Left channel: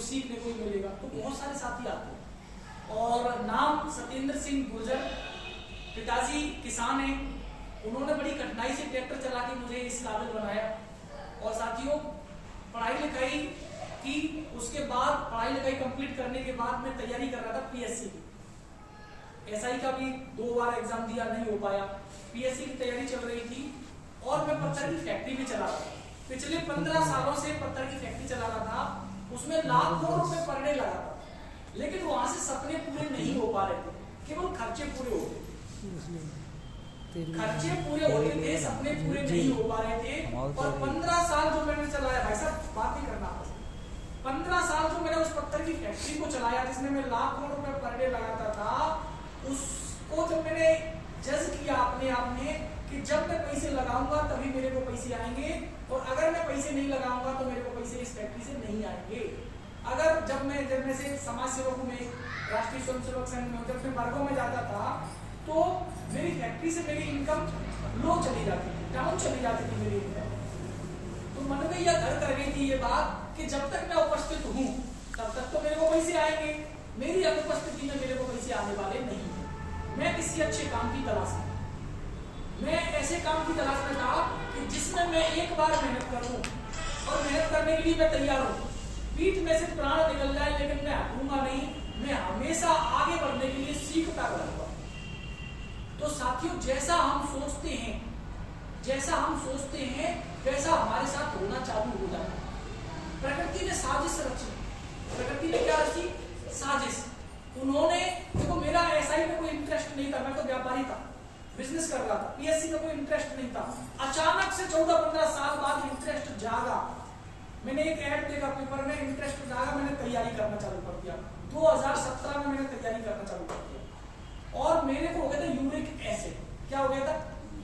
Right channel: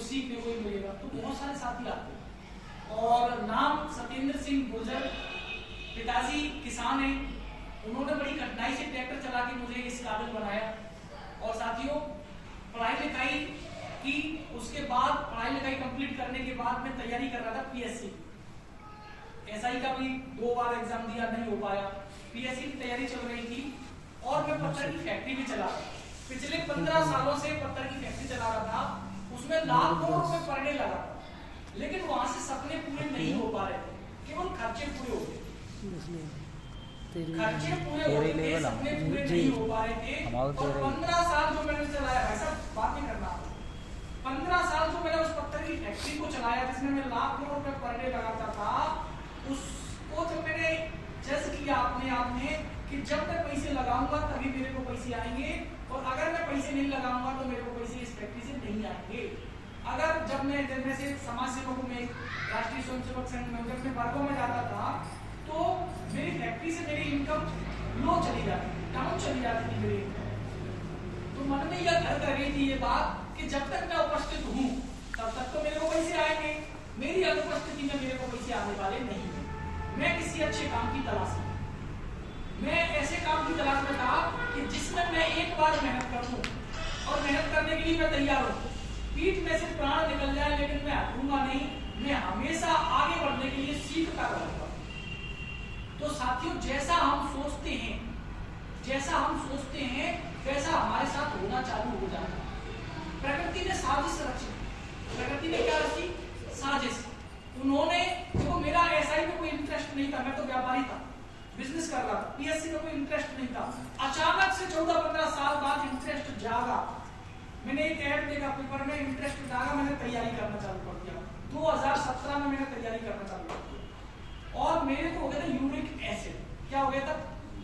तो सीखने को ही मिलेगा। तो बहुत सारे साथी आते हैं। और नाम सत्येंद्र सिंह गुर्जर, पिताजी किसान हैं, उन्होंने बड़ी कठिनाई से ट्रैक्टर चला के मुझे इस काबिल बनाया। और साथियों, पढ़ाई लिखाई की, उसके बाद पढ़ाई लिखाई कंप्लीट करने के बाद मैं तैयारी कर रहा था पीएससी की। एसआई का भी 2 बार एग्जाम दिया, नहीं हो पाया। पीएससी की तैयारी चल रही थी और मैं पत्थर की फैक्ट्री भी चला रहा था। पिछले 15 सालों से पत्थर की फैक्ट्री चला रहा था, उसमें लाखों रुपए पर डे लगा था, लेकिन वहां से सपने पूरे नहीं हो पा रहे थे, केवल खर्चे पूरे होते थे, खर्चे पूरे होते थे, सपने पूरे नहीं हो पा रहे थे। और 15 साल जो मैंने चलाया, ऐसा बात नहीं करना, 15 साल जो मैंने उस पत्थर की फैक्ट्री को चलाया जिसमें मैं लाखों रुपए पर डे लगाता था, उसको जब मैंने जज किया अपने आप में कि जब मैं पैसे लगाऊंगा तभी मेरे को पैसे आएंगे, और अगर मैं पैसे नहीं लगाऊंगा तो मेरे को पैसे इस फैक्ट्री से नहीं आएंगे। अगर जब मैं जब से समाज सेवकों में, राष्ट्रीय स्वयंसेवक संघ में, जब मैं वर्गों में जाता था तो मेरी फैक्ट्री से मेरी इनकम लो चली जाती थी, डाउन चली जाती थी मेरी इनकम। तो मन में यह घर कर गई थी ये बात कि जब तक मैं उपस्थित हूँ तब तक तो मेरे को पैसे आएंगे, मेरी अनुपस्थिति में मेरे को पैसे आने वाले नहीं है। मैं किसी अच्छे काम की तलाश में, मैं ऐसे काम की तलाश में था कि जिसमें मैं एक बार मेहनत करूं, और मेहनत करने के लिए मैं तैयार हूं, पीठ में से प्राण निकल जाए लेकिन मैं हटूंगा नहीं, मैं हमेशा आगे बढ़ने के लिए सीखता रहूंगा। तो साथियों, जैसा हम सोचते हैं वैसा हमारे साथ होना चालू हो जाता है। प्रकृति ने साजिश रची, प्रकृति ने क्या रची? साजिश। उन्होंने, देखो मेरा एसआई में कोई इंटरेस्ट नहीं था, मैं तो व्यापारी था, बिजनेस कर रहा था, पीएससी में कोई इंटरेस्ट नहीं था। अचानक से 14-15 साल बाद इंटरेस्ट जागा, मैंने एक ऐड देखा पेपर में, इंटरेस्ट जागा, मैंने तैयारी करना चालू कर दिया। 2017 में मैंने तैयारी करना चालू कर दिया, और मेरे को हो गया था यूरिक एसिड। क्या हो गया था?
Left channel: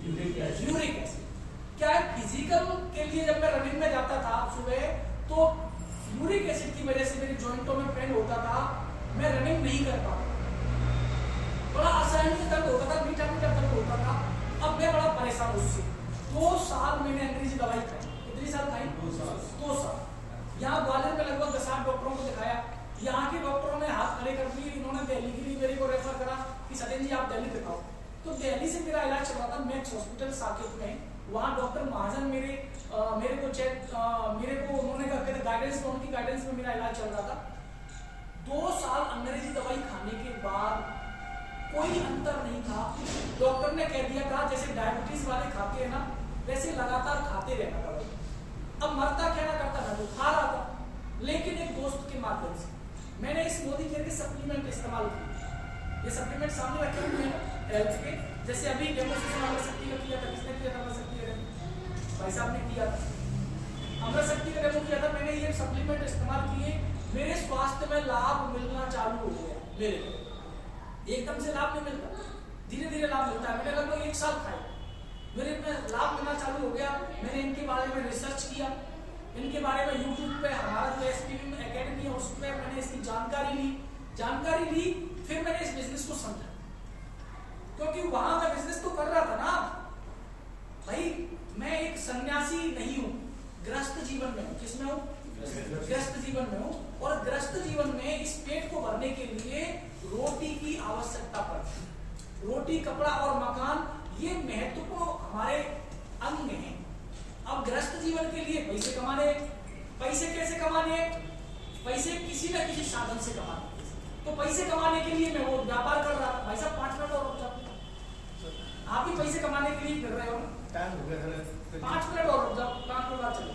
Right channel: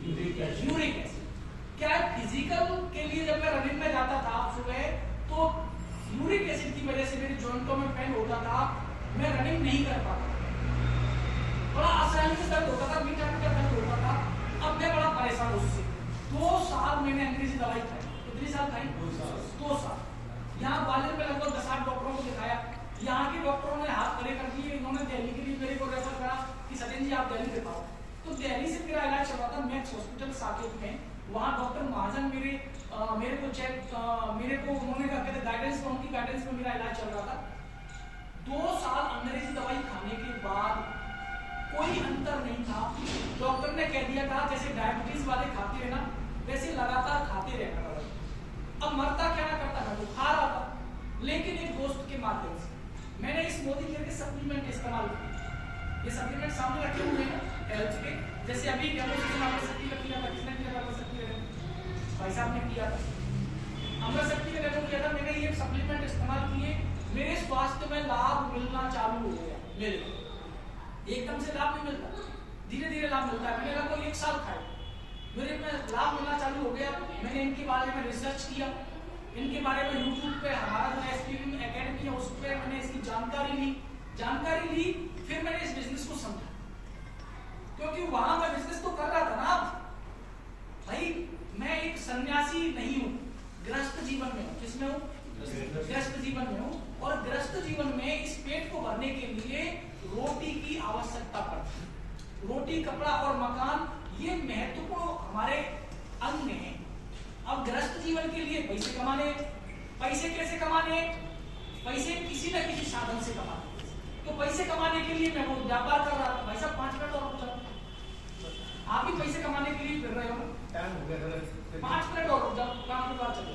Uric acid. क्या है, फिजिकल के लिए जब मैं रनिंग में जाता था सुबह, तो यूरिक एसिड की वजह से मेरी जॉइंटों में पेन होता था, मैं रनिंग नहीं कर पाता, बड़ा असहनीय से दर्द होता था, मीठा मीठा दर्द होता था। अब मैं बड़ा परेशान उससे। 2 साल मैंने अंग्रेजी दवाई खाई। कितनी साल खाई? 2 साल। यहाँ ग्वालियर में लगभग 10-8 डॉक्टरों को दिखाया, यहाँ के डॉक्टरों ने हाथ खड़े कर दिए, इन्होंने दिल्ली के लिए मेरे को रेफर करा कि सचिन जी आप दिल्ली दिखाओ। तो दिल्ली से मेरा इलाज चल रहा था मैक्स हॉस्पिटल साकेत में। वहाँ डॉक्टर महाजन मेरे को उन्होंने कहते गाइडेंस, उनकी गाइडेंस में मेरा इलाज चल रहा था। 2 साल अंग्रेजी दवाई खाने के बाद कोई अंतर नहीं था। डॉक्टर ने कह दिया था जैसे डायबिटीज वाले खाते हैं ना, वैसे लगातार खाते रहना। अब मरता क्या ना करता, मैं तो खा रहा था, लेकिन एक दोस्त के माध्यम से मैंने इस मोदी केयर के सप्लीमेंट इस्तेमाल किए। ये सप्लीमेंट सामने रखे हुए हैं हेल्थ के, जैसे अभी डेमोस्ट्रेशन अमरशक्ति का किया था। किसने किया था? अमरशक्ति भाई साहब ने किया था, अमरशक्ति का डेमो किया था। मैंने ये सप्लीमेंट इस्तेमाल किए, मेरे स्वास्थ्य में लाभ मिलना चालू हो गया। मेरे को एकदम से लाभ नहीं मिलता, धीरे धीरे लाभ मिलता है। मैंने लगभग 1 साल खाए, मेरे में लाभ मिलना चालू हो गया। मैंने इनके बारे में रिसर्च किया, इनके बारे में यूट्यूब पे हमारा जो एसपीवी एकेडमी है उस पर मैंने इसकी जानकारी ली। फिर मैंने इस बिजनेस को समझा, क्योंकि वहां मैं बिजनेस तो कर रहा था ना भाई। मैं एक सन्यासी नहीं हूँ, ग्रस्त जीवन में हूँ। किसमें हूँ? ग्रस्त जीवन में हूँ। और ग्रस्त जीवन में इस पेट को भरने के लिए रोटी की आवश्यकता पड़ती है। रोटी, कपड़ा और मकान ये महत्वपूर्ण हमारे अंग हैं। अब ग्रस्त जीवन के लिए पैसे कमाने, पैसे कैसे कमाने? पैसे किसी न किसी साधन से कमाने। तो पैसे कमाने के लिए मैं वो व्यापार कर रहा था। भाई साहब 5 मिनट और रुक जाओ, आप ही पैसे कमाने के लिए फिर रहे हो। 5 मिनट और रुक जाओ, 5 मिनट बाद चलो।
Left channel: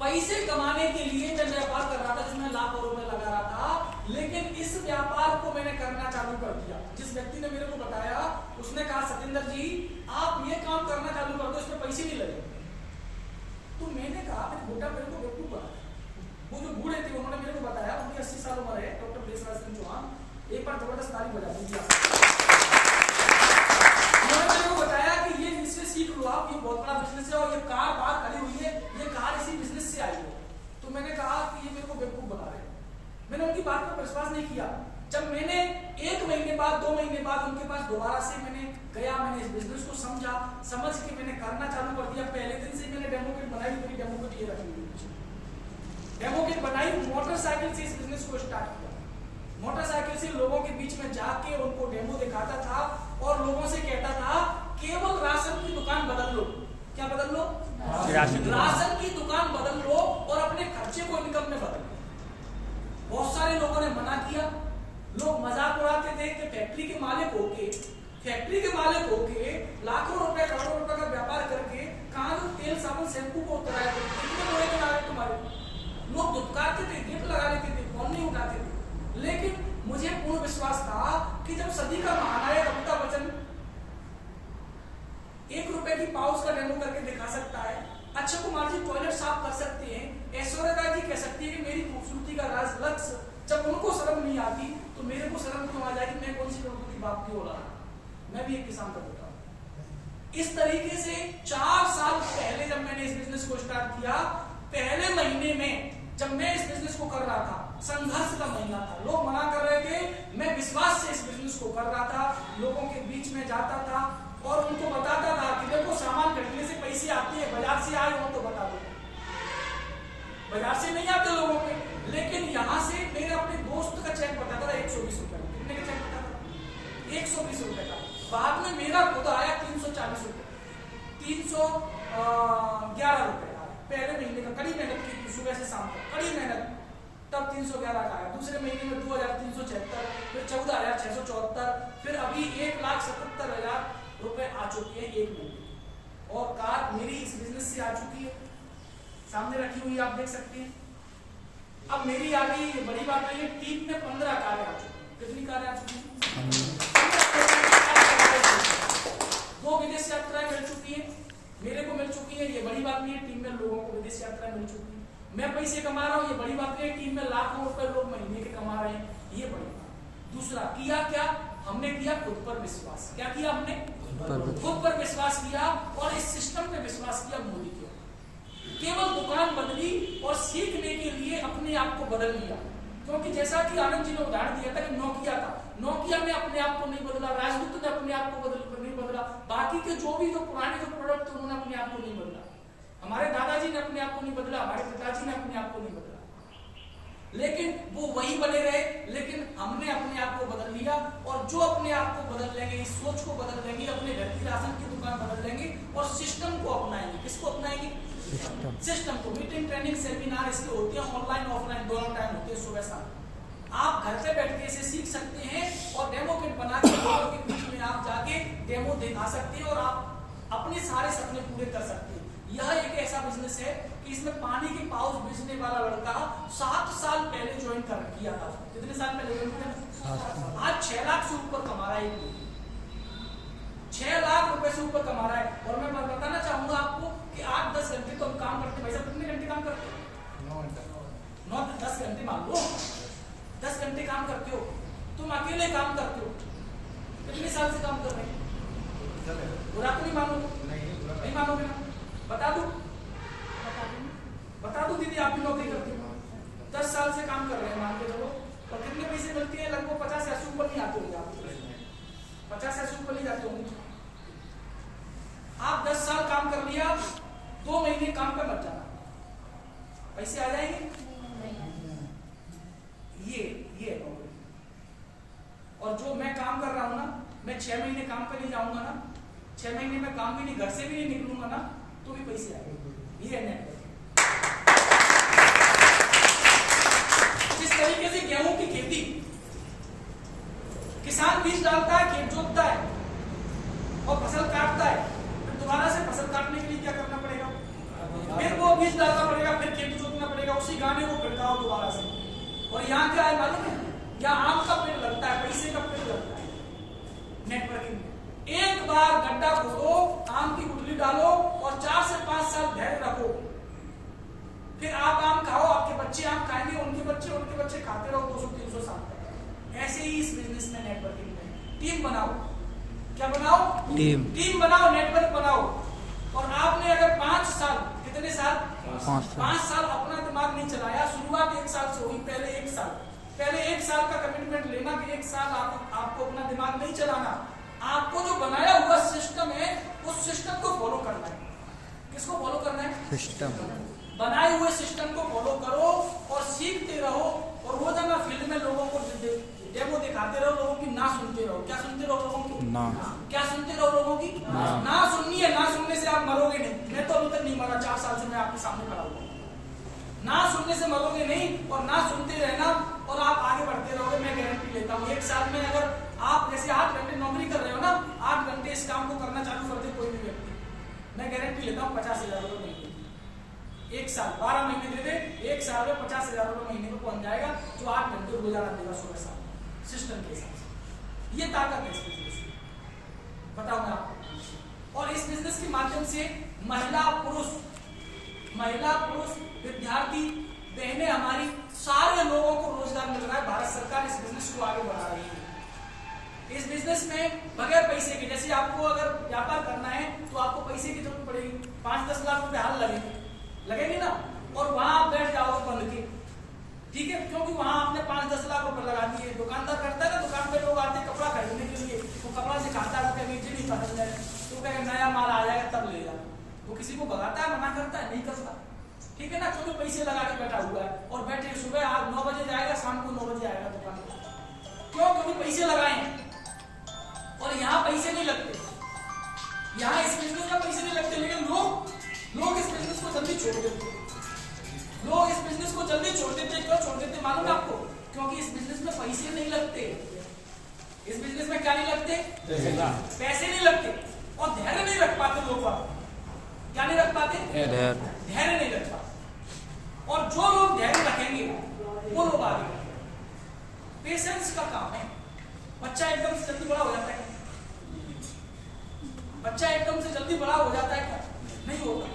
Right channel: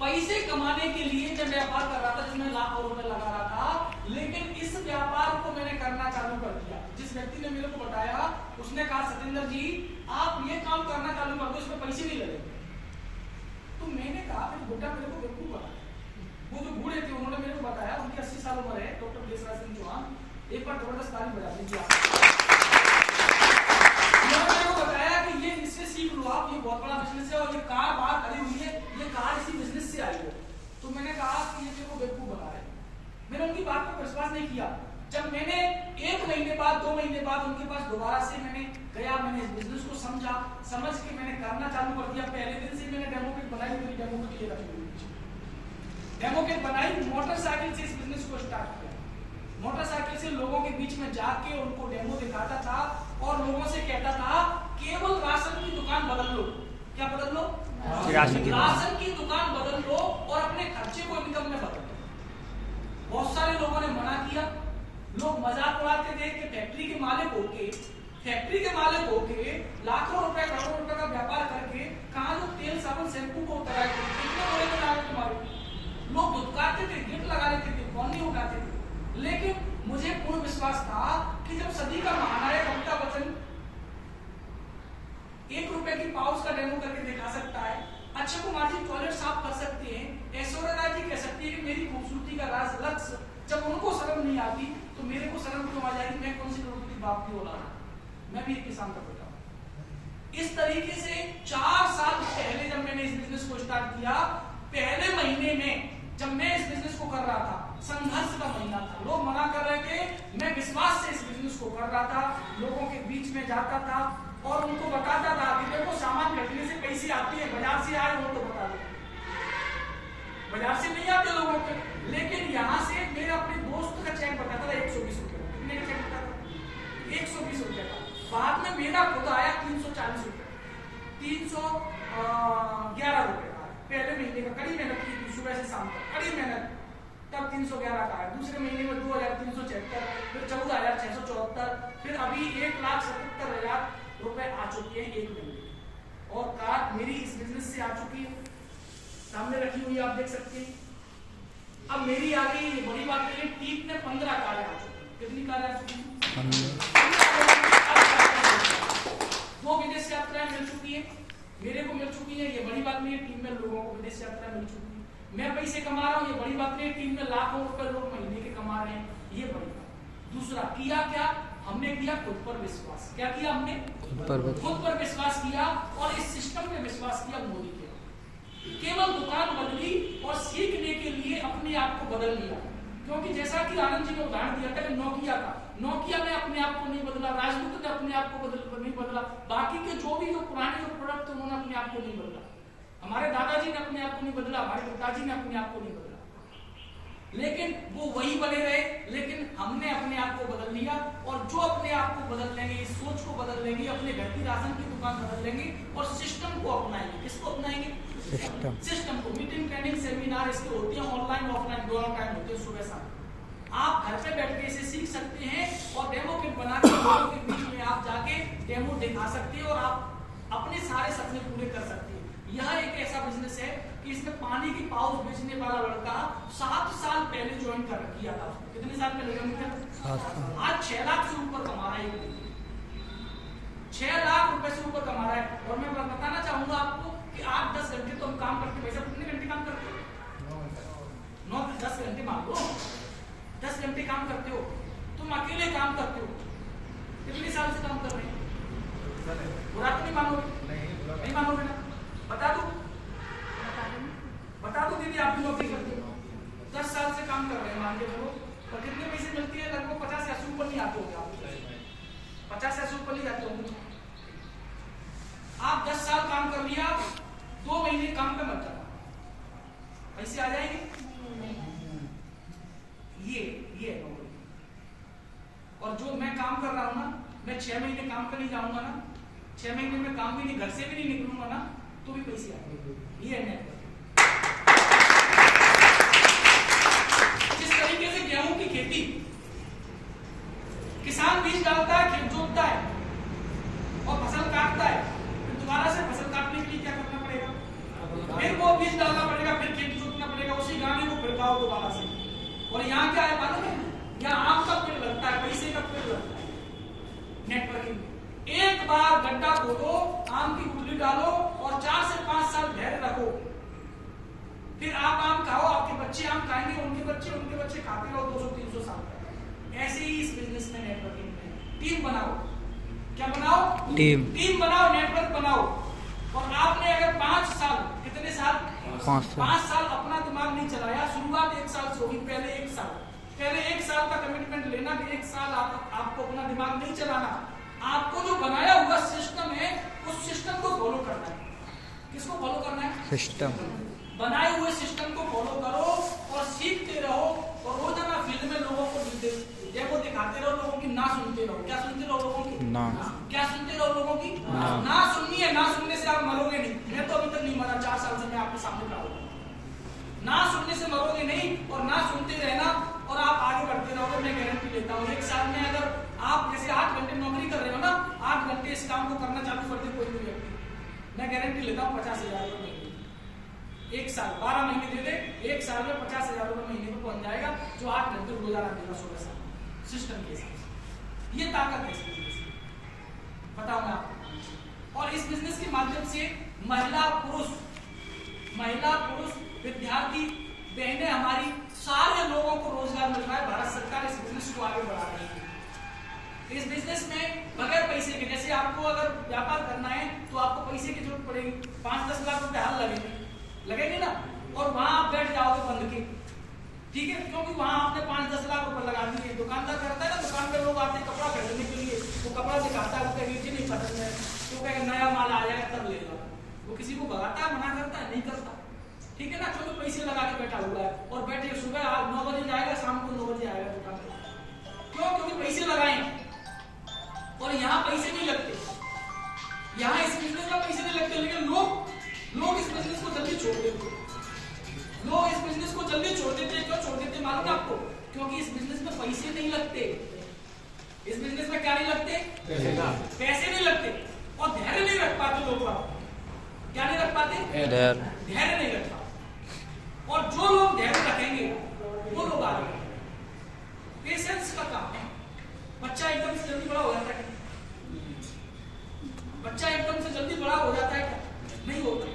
पैसे कमाने के लिए मैं व्यापार कर रहा था जिसमें लाखों रुपए लगा रहा था, लेकिन इस व्यापार को मैंने करना चालू कर दिया। जिस व्यक्ति ने मेरे को बताया उसने कहा सतेंद्र जी आप ये काम करना चालू कर दो, इसमें पैसे नहीं लगे। तो मैंने कहा बेटा मेरे को बेवकूफ बना। वो जो बूढ़े थे उन्होंने मेरे को बताया, उनकी 80 साल उम्र है, डॉक्टर देशराज सिंह चौहान, एक बार जबरदस्त ताली बजा दीजिए। उन्होंने मेरे को बताया कि ये इससे सीख लो आप, ये बहुत बड़ा बिजनेस है, और ये कार बाहर खड़ी हुई है, ये कार इसी बिजनेस से आई है। तो मैंने कहा कि ये मेरे को बेवकूफ बना रहे। मैंने उनकी बात पर विश्वास नहीं किया। जब मैंने 1 महीने बाद 2 महीने बाद उनके पास दोबारा से मैंने गया, मैंने इस बिजनेस को समझ के मैंने करना चालू कर दिया। पहले दिन से मैंने डेमो किट बनाई, मेरी डेमो किट ये रखी हुई। डेमो डेमो किट बनाई, मोटरसाइकिल से इस बिजनेस को स्टार्ट किया। मोटरसाइकिल से लोगों के बीच में जाके उनको डेमो दिखाता था और लोगों से कहता था केवल राशन की दुकान बदल लो। क्या बदल लो? राशन की दुकान बदल लो और अपने खर्चे को इनकम में बदल लो। बहुत सारे लोगों ने मना किया। लोग मजाक उड़ाते थे कि फैक्ट्री के मालिक होके लाखों रुपए करोड़ों रुपए का व्यापार करके कहां जो तेल साबुन शैम्पू को उतारा कितने बड़े बना रहे तुम्हारे। लोग दुत्कारते थे, गिफ्ट लगा लेते थे, कौन नहीं उठाते थे। लेकिन मुझे पूर्ण विश्वास था कि जब सदी का महानायक अमिताभ बच्चन 1 रुपए की पाउच का डेमो करके दिखा सकता है, अक्षय कुमार जी टॉयलेट साफ कर सकते हैं, ऐश्वर्या राय जी कह सकती है कि मेरी खूबसूरती का राज लक्ष्य, जब उनको शर्म नहीं आती तो मेरे को शर्म क्यों आ जाएगी? मैं कौन सी करोड़पति बाप की औलाद, मैं भी एक किसान का बेटा हूं। इस तरीके से 4 साल पहले जब मैंने इस बिजनेस को स्टार्ट किया, पहले महीने में जब मैं इस बिजनेस को कर रहा था, संघर्ष का महीना था, लोग मना कर रहे थे, मैं विश्वास से इस बिजनेस को कर रहा था, लोगों के बीच में जाता था और उनको बताता था कि देखो सामान घटने से पैसे आते हैं, बाजार से आए हो तो बता दो, बाजार से नहीं आते लोगों पे। लेकिन यहाँ से मेरे अपने दोस्त का चेक बताता था 120 रुपए का। कितने का चेक बताता? 120 रुपए का। बाद में मेरा खुद आया 340 रुपए, 311 रुपए का। पहले महीने का कड़ी मेहनत की थी, सुबह से शाम तक कड़ी मेहनत, तब 311 का आया। दूसरे महीने में 2376, फिर 14674, फिर अभी 1,77,000 रुपए आ चुके हैं एक महीने। और कार मेरी इस बिजनेस से आ चुकी है, सामने रखी हुई आप देख सकते हैं। अब मेरी आ गई, ये बड़ी बात नहीं है, टीम में 15 कारें आ चुकी हैं। कितनी कारें आ चुकी हैं? 2 विदेश यात्राएं मिल चुकी है, मेरे को मिल चुकी है, ये बड़ी बात नहीं है। टीम में लोगों को विदेश यात्राएं मिल चुकी है, मैं पैसे कमा रहा हूँ, ये बड़ी बात नहीं है। टीम में लाखों रुपए लोग महीने के कमा रहे हैं, ये बड़ी बात। दूसरा किया क्या हमने? किया खुद पर विश्वास। क्या किया हमने? खुद पर विश्वास किया और इस सिस्टम पे विश्वास किया। मोदी के केवल दुकान बदली और सीखने के लिए अपने आप को बदल लिया। क्योंकि जैसा कि आनंद जी ने उदाहरण दिया था कि नोकिया था, नोकिया ने अपने आप को नहीं बदला, राजदूत ने अपने आप को नहीं बदला, बाकी के जो पुराने जो प्रोडक्ट थे उन्होंने अपने आप को नहीं बदला, हमारे दादाजी ने अपने आप को नहीं बदला, हमारे पिताजी ने अपने आप को नहीं बदला, लेकिन वो वही बने रहे। लेकिन हमने अपने आप को बदल लिया और जो अपने आप को बदल लेंगे, इस सोच को बदल लेंगे, अपने घर की राशन की दुकान बदल लेंगे और सिस्टम को अपनाएंगे। किसको अपनाएंगे? सिस्टम को। मीटिंग, ट्रेनिंग, सेमिनार इसके होते हैं, ऑनलाइन ऑफलाइन दोनों टाइम होते हैं, सुबह शाम। आप घर पे बैठ के इसे सीख सकते हैं और डेमो किट बना के लोगों के बीच में आप जाके डेमो दिखा सकते हैं और आप अपने सारे सपने पूरे कर सकते हैं। यह एक ऐसा बिजनेस है कि इसमें पानी की पाउच बेचने वाला लड़का 7 साल पहले ज्वाइन किया था। कितने साल पहले ज्वाइन किया? आज 6 लाख से ऊपर कमा रहा है, 6 लाख रुपए से ऊपर कमा रहा है। और मैं बताना चाहूंगा आपको कि 8-10 घंटे तो हम काम करते हैं। भाई साहब कितने घंटे काम करते हो? 9-10 घंटे मान लो, 10 घंटे काम करते हो, तुम अकेले काम करते हो, कितने साल से काम कर रहे हैं? बुरा तो नहीं मानोगे? नहीं मानोगे ना? बता दो दीदी, आप भी नौकरी करते हो, 10 साल से काम कर रहे हैं, मान के चलो, तो कितने पैसे मिलती है? लगभग 50-80 ऊपर नहीं आते होंगे आप, 50-80 ऊपर नहीं जाते होंगे। आप 10 साल काम कर लिया, 2 महीने काम पे मत जाना, पैसे आ जाएंगे। ये नौकरी। और जो मैं काम कर रहा हूं ना, मैं 6 महीने काम पे नहीं जाऊंगा ना, 6 महीने में काम भी नहीं, घर से भी नहीं निकलूंगा ना, तो भी पैसे आएंगे। ये नेटवर्क। जिस तरीके से गेहूं की खेती, किसान बीज डालता है, खेत जोतता है और फसल काटता है, फिर दोबारा से फसल काटने के लिए क्या करना पड़ेगा? फिर वो बीज डालना पड़ेगा, फिर खेत जोतना पड़ेगा, उसी गाने को फिर गाओ दोबारा से। और यहाँ क्या है मालूम है? यहाँ आम का पेड़ लगता है, पैसे का पेड़ लगता है। नेटवर्किंग में एक बार गड्ढा खोदो, आम की गुठली डालो और 4 से 5 साल धैर्य रखो, फिर आप आम खाओ, आपके बच्चे आम खाएंगे, उनके बच्चे खाते रहो 200-300 साल तक। ऐसे ही इस बिजनेस में, नेटवर्किंग में टीम बनाओ। क्या बनाओ? टीम बनाओ, नेटवर्क बनाओ। और आपने अगर 5 साल, कितने साल? 5 साल अपना दिमाग नहीं चलाया, शुरुआत 1 साल से होगी। पहले 1 साल का कमिटमेंट लेना कि 1 साल आपको अपना दिमाग नहीं चलाना, आपको जो बनाया हुआ सिस्टम है उस सिस्टम को फॉलो करना है। किसको फॉलो करना है? सिस्टम। बनाए हुए सिस्टम को फॉलो करो और सीखते रहो और रोजाना फील्ड में लोगों को डेमो दिखाते रहो, लोगों की ना सुनते रहो। क्या सुनते रहो? लोगों की ना। क्या सुनते रहो? लोगों की ना सुननी है। ना सुनने से आप मरोगे नहीं। मैं तो अभी तक नहीं मरा, 4 साल से मैं आपके सामने खड़ा हूँ। ना सुनने से मरोगे नहीं, और ना सुनते रहना और आप आगे बढ़ते रहोगे। मैं गारंटी लेता हूँ 1 साल में अगर आप जैसे 8 घंटे नौकरी कर रहे हो ना, 8 घंटे इस काम को करना चालू कर दे कोई भी व्यक्ति, मैं गारंटी लेता हूँ 50,000 रुपये महीने। 1 साल 12 महीने दे दे, 1 साल में 50,000 रुपये महीने को पहुंच जाएगा, जो 8 घंटे रोजाना देगा सुबह शाम सिस्टम के साथ। ये ताकत है इस बिजनेस की, बताओ मैं आपको। और इस बिजनेस के माध्यम से महिला पुरुष, विद्यार्थी, बहनें हमारी, सारे लोगों को रोजगार मिल रहा है। भारत सरकार इस बिजनेस को आगे बढ़ा रही है। इस बिजनेस में बगैर पैसे के, जैसे आपको अगर व्यापार करना है तो आपको पैसे की जरूरत पड़ेगी, 5-10 लाख रुपए हाल लगेंगे ना, और वहां आप बैठ जाओगे बंद के, ठीक है, क्योंकि वहां आपने 5-10 लाख रुपए लगा दिए। दुकानदार करता है ना, दुकान पे लोग आते हैं कपड़ा खरीदने के लिए, तो कपड़ा दिखाता है, उसका नीचे नहीं पसंद है तो कहेगा नया माल आ जाएगा तब लेगा। वो किसी को भगाता है, मना करता है? नहीं करता, ठीक है ना, क्योंकि पैसे लगा के बैठा हुआ है। और बैठे सुबह 9 बजे जाएगा, शाम को 9 बजे आएगा दुकान पर। क्यों? क्योंकि पैसे लगाए। और यहाँ पैसे नहीं लगते, यहाँ इस बिजनेस में पैसे नहीं लगते, लेकिन लोग इस बिजनेस को जल्दी छोड़ देते। लोग इस बिजनेस को जल्दी छोड़ देते। क्यों छोड़ देते मालूम है आपको? क्योंकि इस बिजनेस में पैसे नहीं लगते। इस बिजनेस में क्या नहीं लगते? पैसे नहीं लगते। और धैर्य नहीं रख पाते लोग। क्या नहीं रख पाते? धैर्य नहीं रख पाते। और जो लोग धैर्य रखेंगे वो लोग आगे बढ़ेंगे। पेशेंस का काम है। बच्चा एकदम से जल्दी बड़ा हो जाता है? बच्चा एकदम से जल्दी बड़ा हो जाता है क्या? नहीं होता,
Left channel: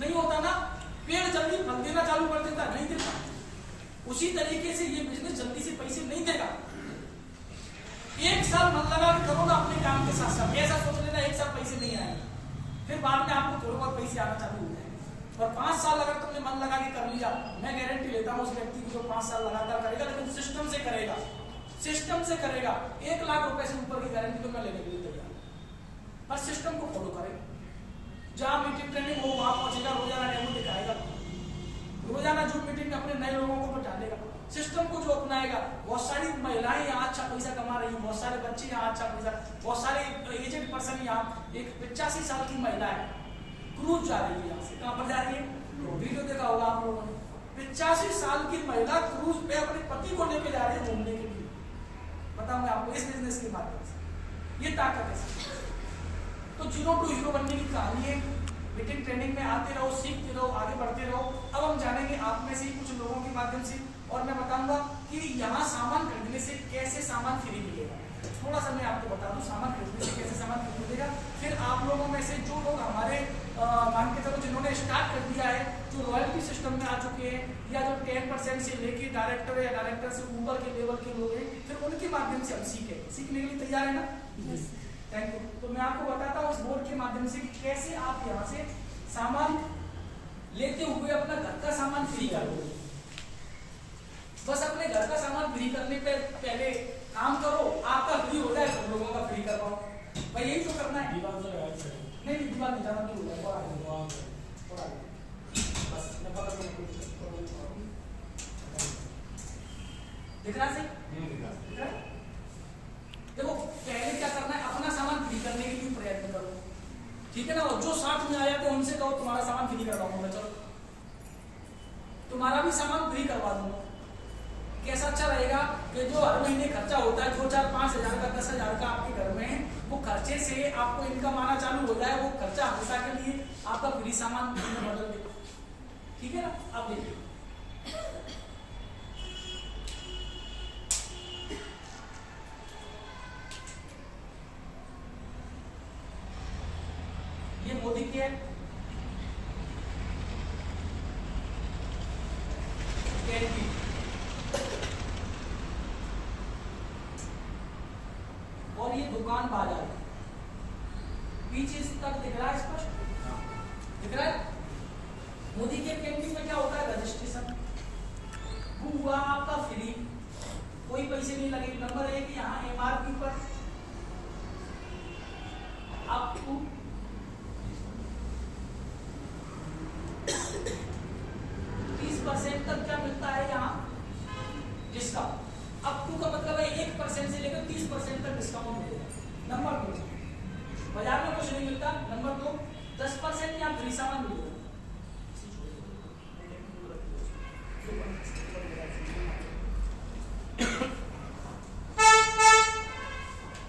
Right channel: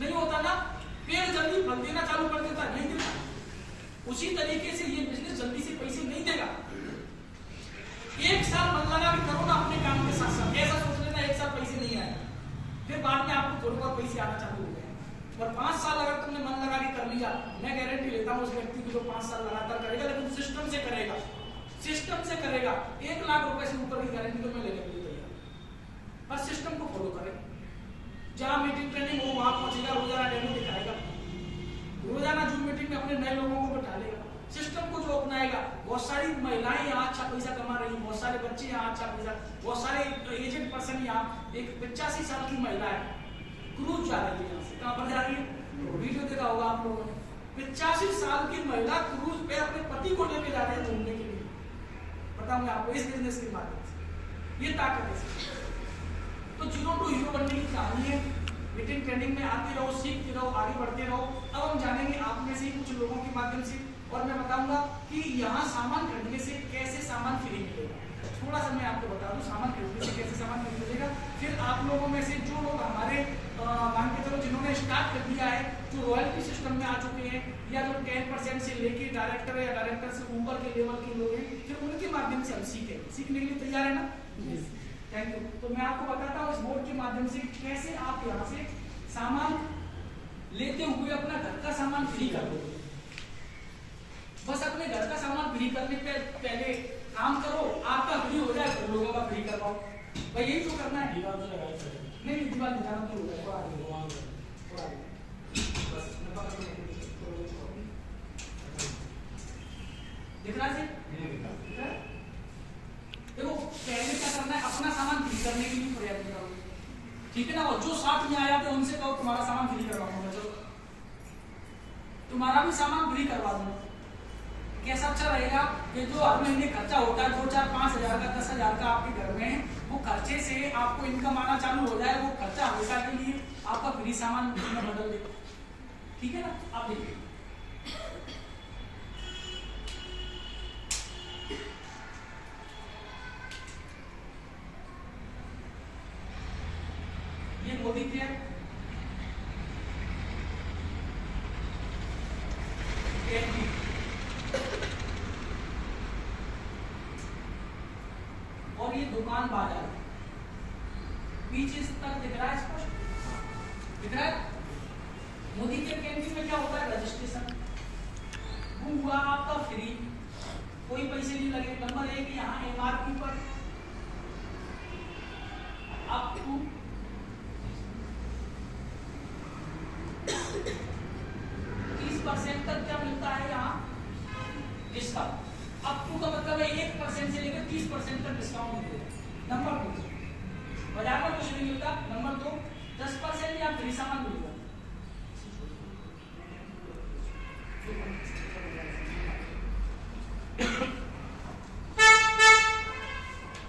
नहीं होता ना। पेड़ जल्दी फल देना चालू कर देता है? नहीं देता। उसी तरीके से ये बिजनेस जल्दी से पैसे नहीं देगा। 1 साल मन लगा के करो ना अपने काम के साथ साथ। ऐसा सोच लेना 1 साल पैसे नहीं आए, फिर बाद में आपको थोड़े बहुत पैसे आना चालू हो जाए। और 5 साल अगर तुमने मन लगा के कर लिया, मैं गारंटी लेता हूँ उस व्यक्ति को जो 5 साल लगातार करेगा, लेकिन सिस्टम से करेगा, 1 लाख रुपए से ऊपर की गारंटी तो मैं लेने के लिए तैयार। पर सिस्टम को फॉलो करें। जहां मीटिंग ट्रेनिंग हो वहां पहुंचेगा, रोजाना डेमो दिखाएगा, रोजाना जूम मीटिंग में अपने नए लोगों को बिठालेगा। सिस्टम को जो अपनाएगा, बहुत सारी महिलाएं यहाँ अच्छा पैसा कमा रही हैं, बहुत सारे बच्चे यहाँ अच्छा पैसा, बहुत सारे एजेड पर्सन यहाँ, एक 85 साल की महिला है, क्रूज जा रही है यहाँ से। कहां पर जा रही है? वीडियो देखा होगा आप लोगों ने। 85 साल की महिला क्रूज पे अपने पति को लेकर जा रही है घूमने के लिए। बताऊंगा आपको इस बिजनेस के माध्यम से। ये ताकत है। तो 0 to हीरो बनने की कहानी है। मीटिंग ट्रेनिंग में आते रहो, सीखते रहो, आगे बढ़ते रहो। अब हम जानेंगे आप में से कुछ लोगों के माध्यम से, और मैं बताऊंगा कि यहाँ सामान खरीदने से कैसे सामान फ्री मिलेगा। थोड़ा सा मैं आपको बता दूं सामान खरीदने से कैसे सामान फ्री मिलेगा। फिर आप लोगों में से जो लोग हमारे मान के चलो जिन्होंने स्टार्ट कर दिया है, जो रॉयल्टी सिस्टम में आ चुके हैं, या जो 10% से लेके डायरेक्टर या डायरेक्टर से ऊपर के लेवल के लोग हैं, फिर उनके माध्यम से हम सीखने के लिए तैयार है ना? Thank you. तो मैं आपको बताता हूँ इस बोर्ड के माध्यम से कैसे आप यहाँ से सामान लेते हुए अपना घर का सामान फ्री कर दो। बस अपने घर का सामान फ्री करने पे पहले काम करो, आपका फ्री हो जाए तो लोगों का फ्री करवाओ। भाई यही तो करना है। नहीं दीवार नहीं जाना, तो दिख रहा है? देखो पहले क्या करना है, अपना सामान फ्री करने के लिए प्रयत्न करो, ठीक है ना। और जो साथ में आया तो उनसे कहो तुम्हारा सामान फ्री करवाऊंगा, चलो तुम्हारा भी सामान फ्री करवा दूंगा। कैसा अच्छा रहेगा कि जो हर महीने खर्चा होता है 2-4-5 हजार का, 10 हजार का आपके घर में, वो खर्चे से आपको इनकम आना चालू हो जाए। वो खर्चा हमेशा के लिए आपका फ्री सामान बदल दे, ठीक है ना। आप देखिए ये मोदी के और ये दुकान बाजार पीछे तक दिख रहा है, स्पष्ट दिख रहा है। मोदी के कैंटीन में क्या होता है, रजिस्ट्रेशन हुआ आपका फ्री, कोई पैसे नहीं लगे। नंबर 1 यहाँ MRP पर आपको 30% तक क्या मिलता है यहाँ डिस्काउंट। अप टू का मतलब है 1% से लेकर 30% तक डिस्काउंट मिलेगा। नंबर 2, बाजार में कुछ नहीं मिलता। नंबर 2, 10% या फ्री सामान मिलेगा।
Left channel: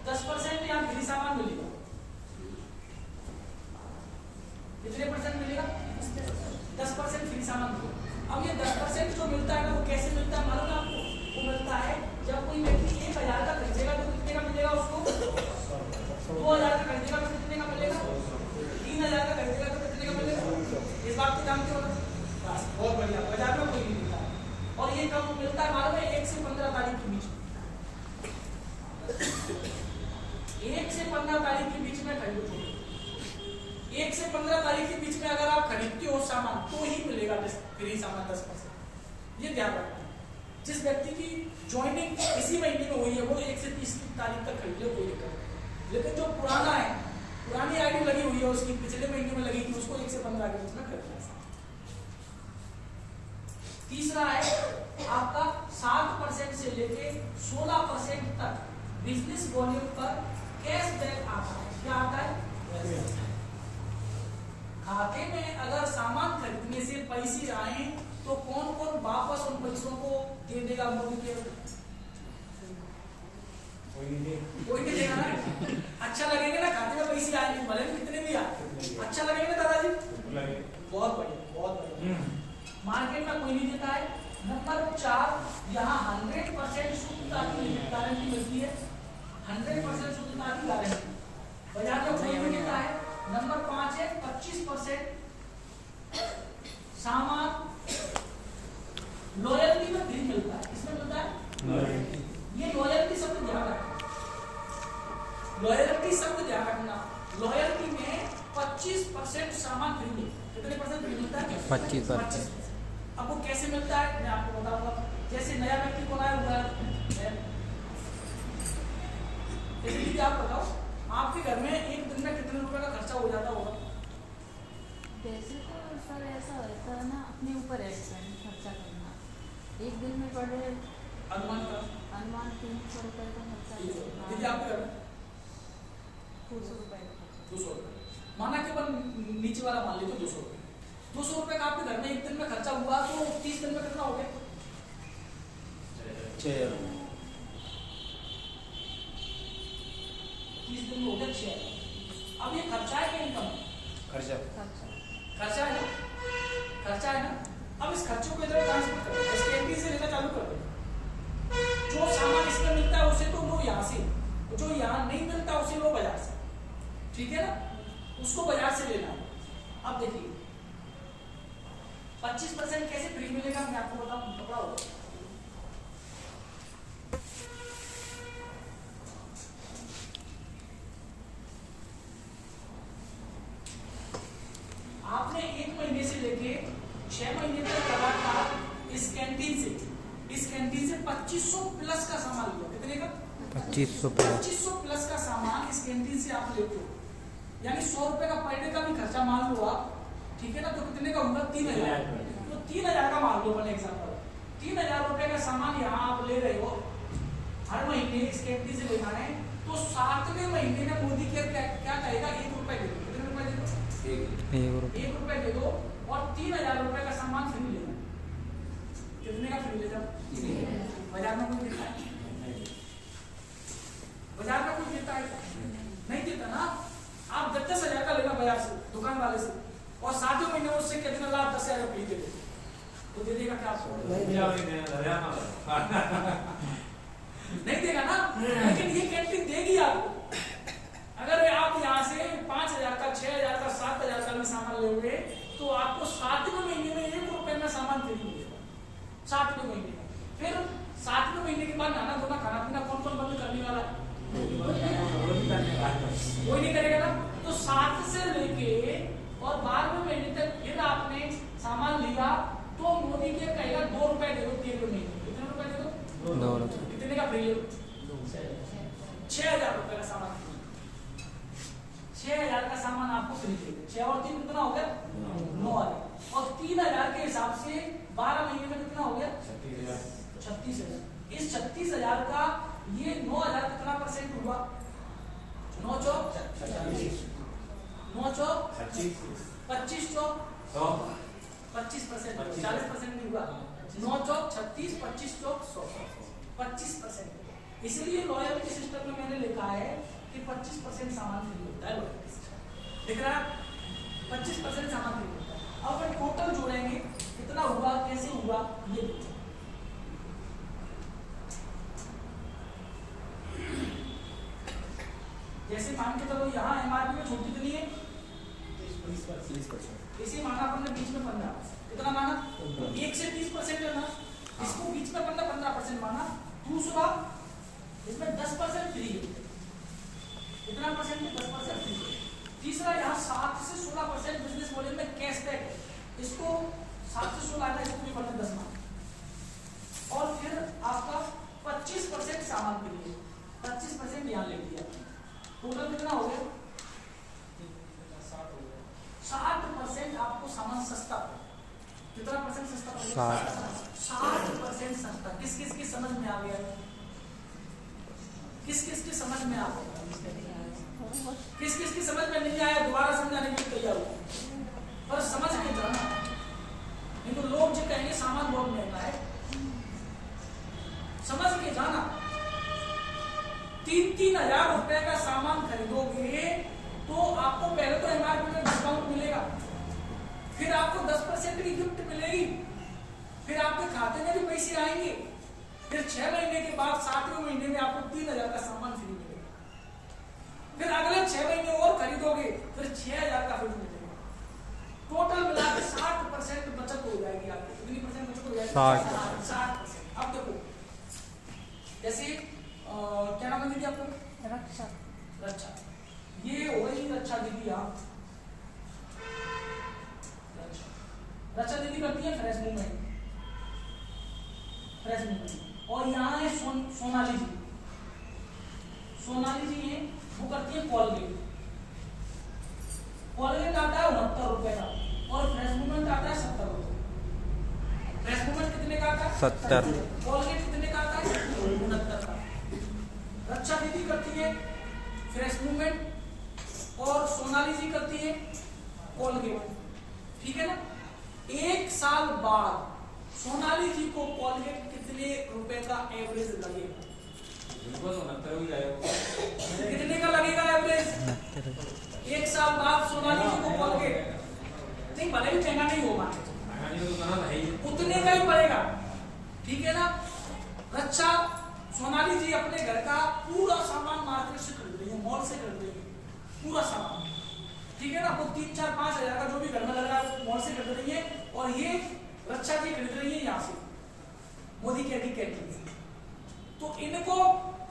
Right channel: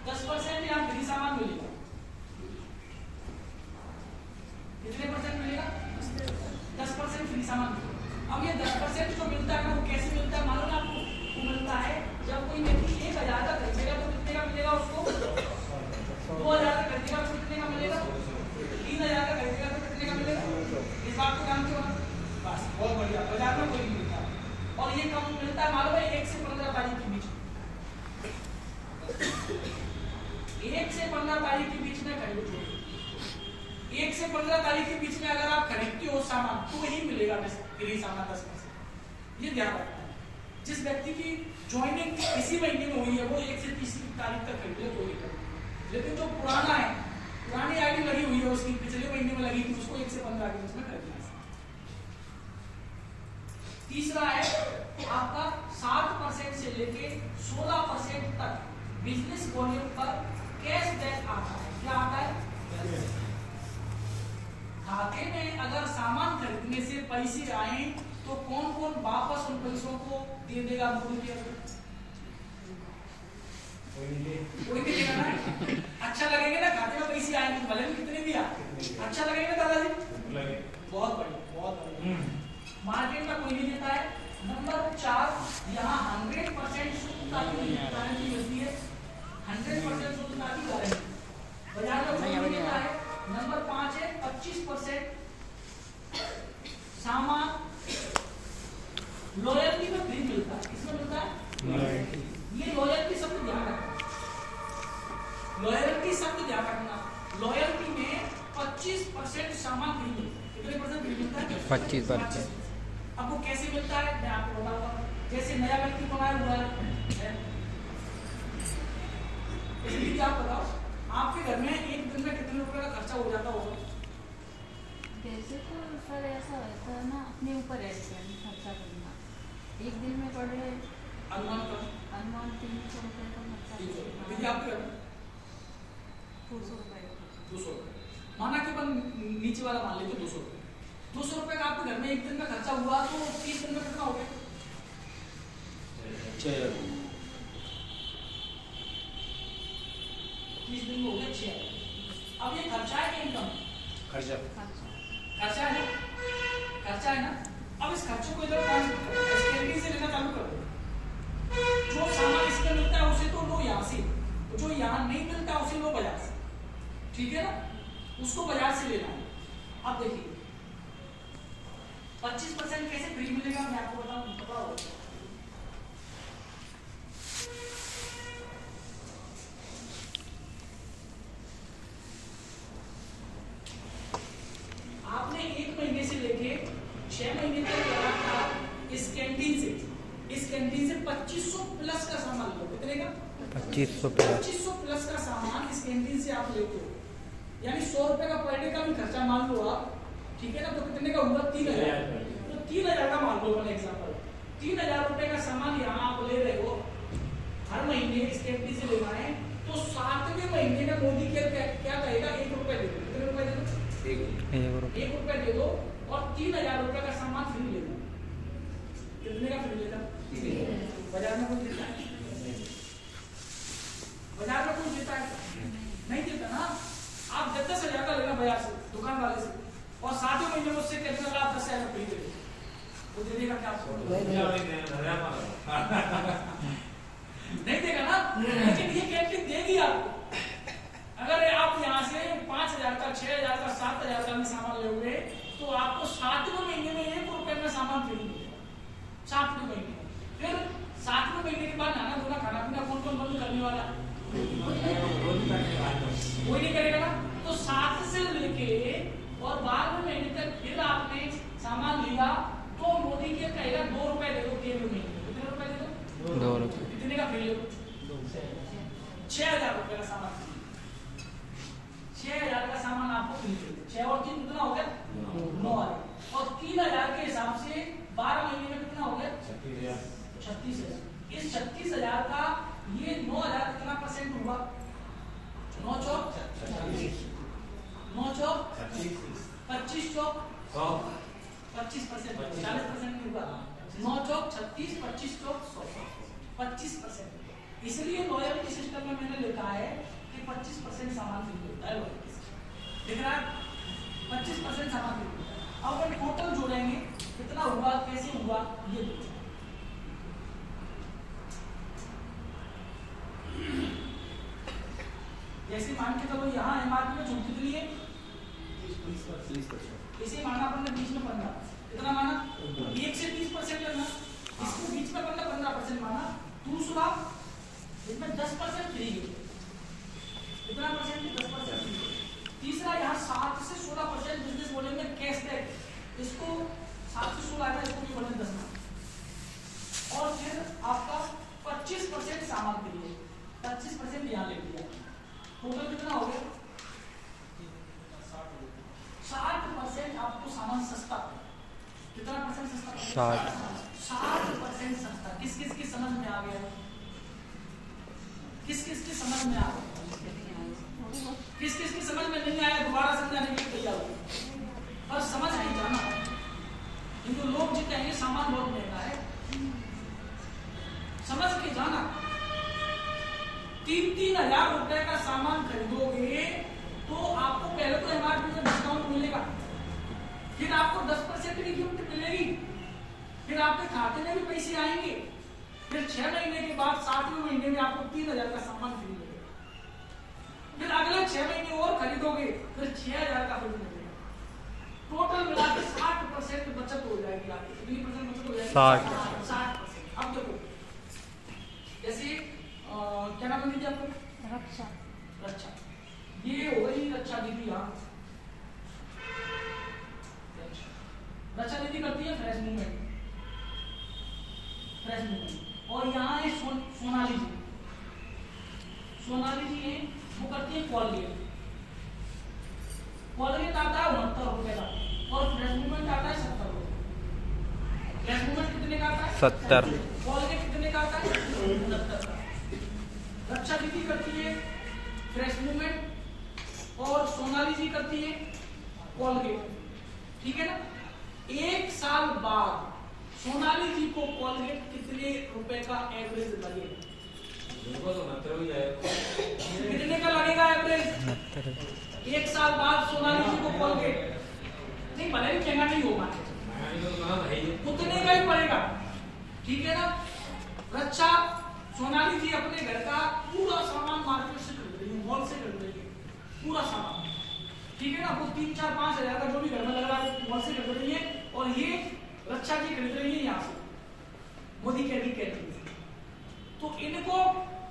10% या फ्री सामान मिलेगा। कितने परसेंट मिलेगा? 10% फ्री सामान मिलेगा। अब ये 10% जो मिलता है ना, वो कैसे मिलता है मालूम है आपको? वो मिलता है जब कोई व्यक्ति 1000 का खरीदेगा तो कितने का मिलेगा उसको? 2000 का खरीदेगा तो कितने का मिलेगा? 3000 का खरीदेगा तो कितने का मिलेगा? इस बात को जानते हो ना? बस बहुत बढ़िया। बाजार में कोई नहीं मिलता। और ये कब मिलता है मालूम है? 1 से 15 तारीख के बीच। 1 से 15 तारीख के बीच में खरीदो। 1 से 15 तारीख के बीच में अगर आप खरीदते हो सामान तो ही मिलेगा फ्री सामान 10%। ये ध्यान रखना। जिस व्यक्ति की ज्वाइनिंग इसी महीने में हुई है वो 1 से 30 तारीख तक खरीद ले, कोई दिक्कत नहीं। लेकिन जो पुराना है, पुरानी आईडी लगी हुई है, उसकी पिछले महीने में लगी थी, उसको 1 से 15 के बीच में खरीदना। तीसरा है आपका 7% से लेके 16% तक बिजनेस वॉल्यूम पर कैशबैक आता है। क्या आता है? खाते में अगर सामान खरीदने से पैसे आए तो कौन कौन वापस उन पैसों को दे देगा? कोई भी देगा ना? अच्छा लगेगा ना? खाते में पैसे आएंगे भले कितने भी आए, अच्छा लगेगा दादाजी? बहुत बढ़िया, बहुत बढ़िया। मार्केट में कोई नहीं देता है। नंबर 4, यहाँ 100% शुद्धता की गारंटी मिलती है। 100% शुद्धता की गारंटी बाजार में कोई नहीं देता है। नंबर 5 है 25% सामान लॉयल्टी में फ्री मिलता है। किसमें मिलता है? ये लॉयल्टी शब्द ध्यान रखना। लॉयल्टी शब्द ध्यान रखना। लॉयल्टी में 25% सामान फ्री मिलता है। कितने परसेंट फ्री मिलता है? 25%। अब वो कैसे मिलता है मैं आपको बताऊंगा। जैसे नया व्यक्ति को आया, इसलिए क्या बताओ, आपके घर में एक दिन में कितने रुपए का खर्चा हो जाता होगा? वैसे तो सर ऐसा होता है ना, अपने ऊपर है खर्चा करना। एक दिन में पड़े अनुमान 300 रुपए का खर्चा। आपके घर में 200 रुपए का। 200 माना कि नीचे वाला मान लेते 200 रुपए। 200 रुपए का आपके घर में एक दिन में खर्चा हुआ तो 30 दिन में कितना हो गया? 6000। 30 दिन में हो गया 6000। अब ये खर्चा है कि इनकम? खर्चा। खर्चा है, खर्चा है ना? अब इस खर्चे को इधर ट्रांसफर करो, एसकेंडी से लेना चालू कर दो। जो सामान इसमें मिलता है उसे तो लो यहाँ से, जो यहाँ नहीं मिलता उसे लो बाजार से। ठीक है ना? उसको बाजार से लेना। अब देखिए 25% कैसे फ्री मिलेगा मैं आपको बताऊं। पता होगा आपने 1 महीने से लेके 6 महीने तक लगा था इस कैंटीन से। इस कैंटीन से 2500 प्लस का सामान लो। कितने का? 2500 प्लस का सामान इस कैंटीन से आप लेते हो, यानी 100 रुपए का पर डे का भी खर्चा मान लो आप। ठीक है ना? तो कितने का होगा? 3000। तो 3000 का मान लो बने एग्जाम्पल। 3000 रुपए का सामान यहाँ आप ले रहे हो, हर महीने इस कैंटीन से लेना है, तो 7वें महीने में मोदी केयर क्या कहेगा? 1 रुपए दे दो। कितने रुपए दे दो? 1 रुपए दे दो और 3000 रुपए का सामान फ्री ले लो। कितने का फ्री लेगा? बाजार में कोई देता है? बाजार में कोई देता है? नहीं देता ना। आप 10,000 का लेना बाजार से, दुकान वाले से, और 7वें महीने में उससे कितना लाभ? 10,000 फ्री दे दो। वो दे देगा क्या आपको? नहीं देगा ना। लेकिन ये कैंटीन देगी आपको। अगर आप यहाँ से 5,000 का, 6,000 का, 7,000 का भी सामान ले हुए तो आपको 7वें महीने में 1 रुपए में सामान फ्री मिलेगा। 7वें महीने में। फिर 7वें महीने के बाद नाना धोना खाना पीना कौन कौन बंद करने वाला? कोई नहीं करेगा ना। तो 7 से लेके और 12वें महीने तक फिर आपने सामान लिया तो मोदी के कहेगा 2 रुपए दे दो 3वें महीने। कितने रुपए दे दो? 2 रुपए। कितने का फ्री? 6,000 रुपए का सामान फ्री। 6,000 का सामान आपको फ्री दे दो। 6 और 3 कितना हो गया? 9,000। और 3,000 के हिसाब से 12 महीने में कितना 36,000। इस 36,000 का ये 9,000 कितना परसेंट हुआ? 9 चौक 9 चौक 25 चौक 25%, 40% नहीं हुआ। 9 चौक 36, 25 चौक 100, 25%। इसलिए लॉयल्टी सिस्टम में मैंने लिखा है कि 25% सामान फ्री होता है। लॉयल्टी सिस्टम दिख रहा है, 25% सामान फ्री होता है। अब हम टोटल जोड़ेंगे कितना हुआ, कैसे हुआ ये देखिए। जैसे मान के चलो यहाँ एमआरपी में छूट कितनी है? 30%। इसे माना अपन ने बीच में 15, कितना माना? 1 से 30% लेना, इसको बीच में 15% माना। दूसरा इसमें 10% फ्री है, कितना परसेंट? 10% फ्री है। तीसरा यहाँ 7 से 16% बिजनेस मॉडल में कैशबैक, इसको 7 से 16 है, इसको भी 10 माना। और फिर आपका 25% सामान फ्री है, 25% यहाँ ले लिया। टोटल कितना हो गया? 60% आपको सामान सस्ता पड़ेगा। कितना परसेंट सस्ता पड़ेगा? 60% सस्ता। किस किस की समझ में आ गया? किस किस की समझ में आ गया? किस किस की समझ में नहीं आया दोबारा समझाने के लिए तैयार हो, पर समझ नहीं जाना। नहीं तो लोग जो कहेंगे सामान बहुत महंगा है, समझ के जाना। 3-3 हजार रुपए का सामान खरीदोगे तो आपको पहले तो एमआरपी में डिस्काउंट मिलेगा, फिर आपको 10% की गिफ्ट मिलेगी, फिर आपके खाते में भी पैसे आएंगे, फिर 6 महीने के बाद 7वें महीने में आपको 3,000 का सामान फ्री मिलेगा, फिर अगले 6 महीने और खरीदोगे फिर 6,000 का फ्री मिलेगा। टोटल मिलाकर 60% बचत हो जाएगी आपकी। कितनी परसेंट बचत हो जाएगी? 60%। अब देखो जैसे क्या नाम दीदी आपको? रक्षा। रक्षा, ये हो गई रक्षा दीदी। यहाँ रक्षा दीदी करती है फ्रेश मूवमेंट, फ्रेश मूवमेंट। और यहाँ है सोनाली जी। सोनाली जी है, वो करती है कॉलगेट। कॉलगेट आता है 69 रुपए का और फ्रेश मूवमेंट आता है 70 रुपए। फ्रेश मूवमेंट कितने का आता है? 70। कॉलगेट कितने का आता है? 69 का। रक्षा दीदी करती है फ्रेश मूवमेंट और सोनाली जी करती है कॉलगेट, ठीक है ना। 1 साल बाद सोनाली जी को कॉलगेट कितने रुपए का एवरेज लगेगा? कितने का लगेगा एवरेज? 1 साल बाद सोनाली जी को कॉलगेट नहीं, भले भी महंगा नहीं होगा, उतने का ही पड़ेगा, ठीक है ना। रक्षा सोनाली जी अपने घर का पूरा सामान मार्केट से खरीद रही है, मॉल से खरीद रही है, पूरा सामान, ठीक है ना। वो 3-4-5 हजार का जो भी घर में लग रहा है वो मॉल से खरीद रही है, और ये रक्षा जी खरीद रही है यहाँ से मोदी केयर की कैंटीन से। तो इनको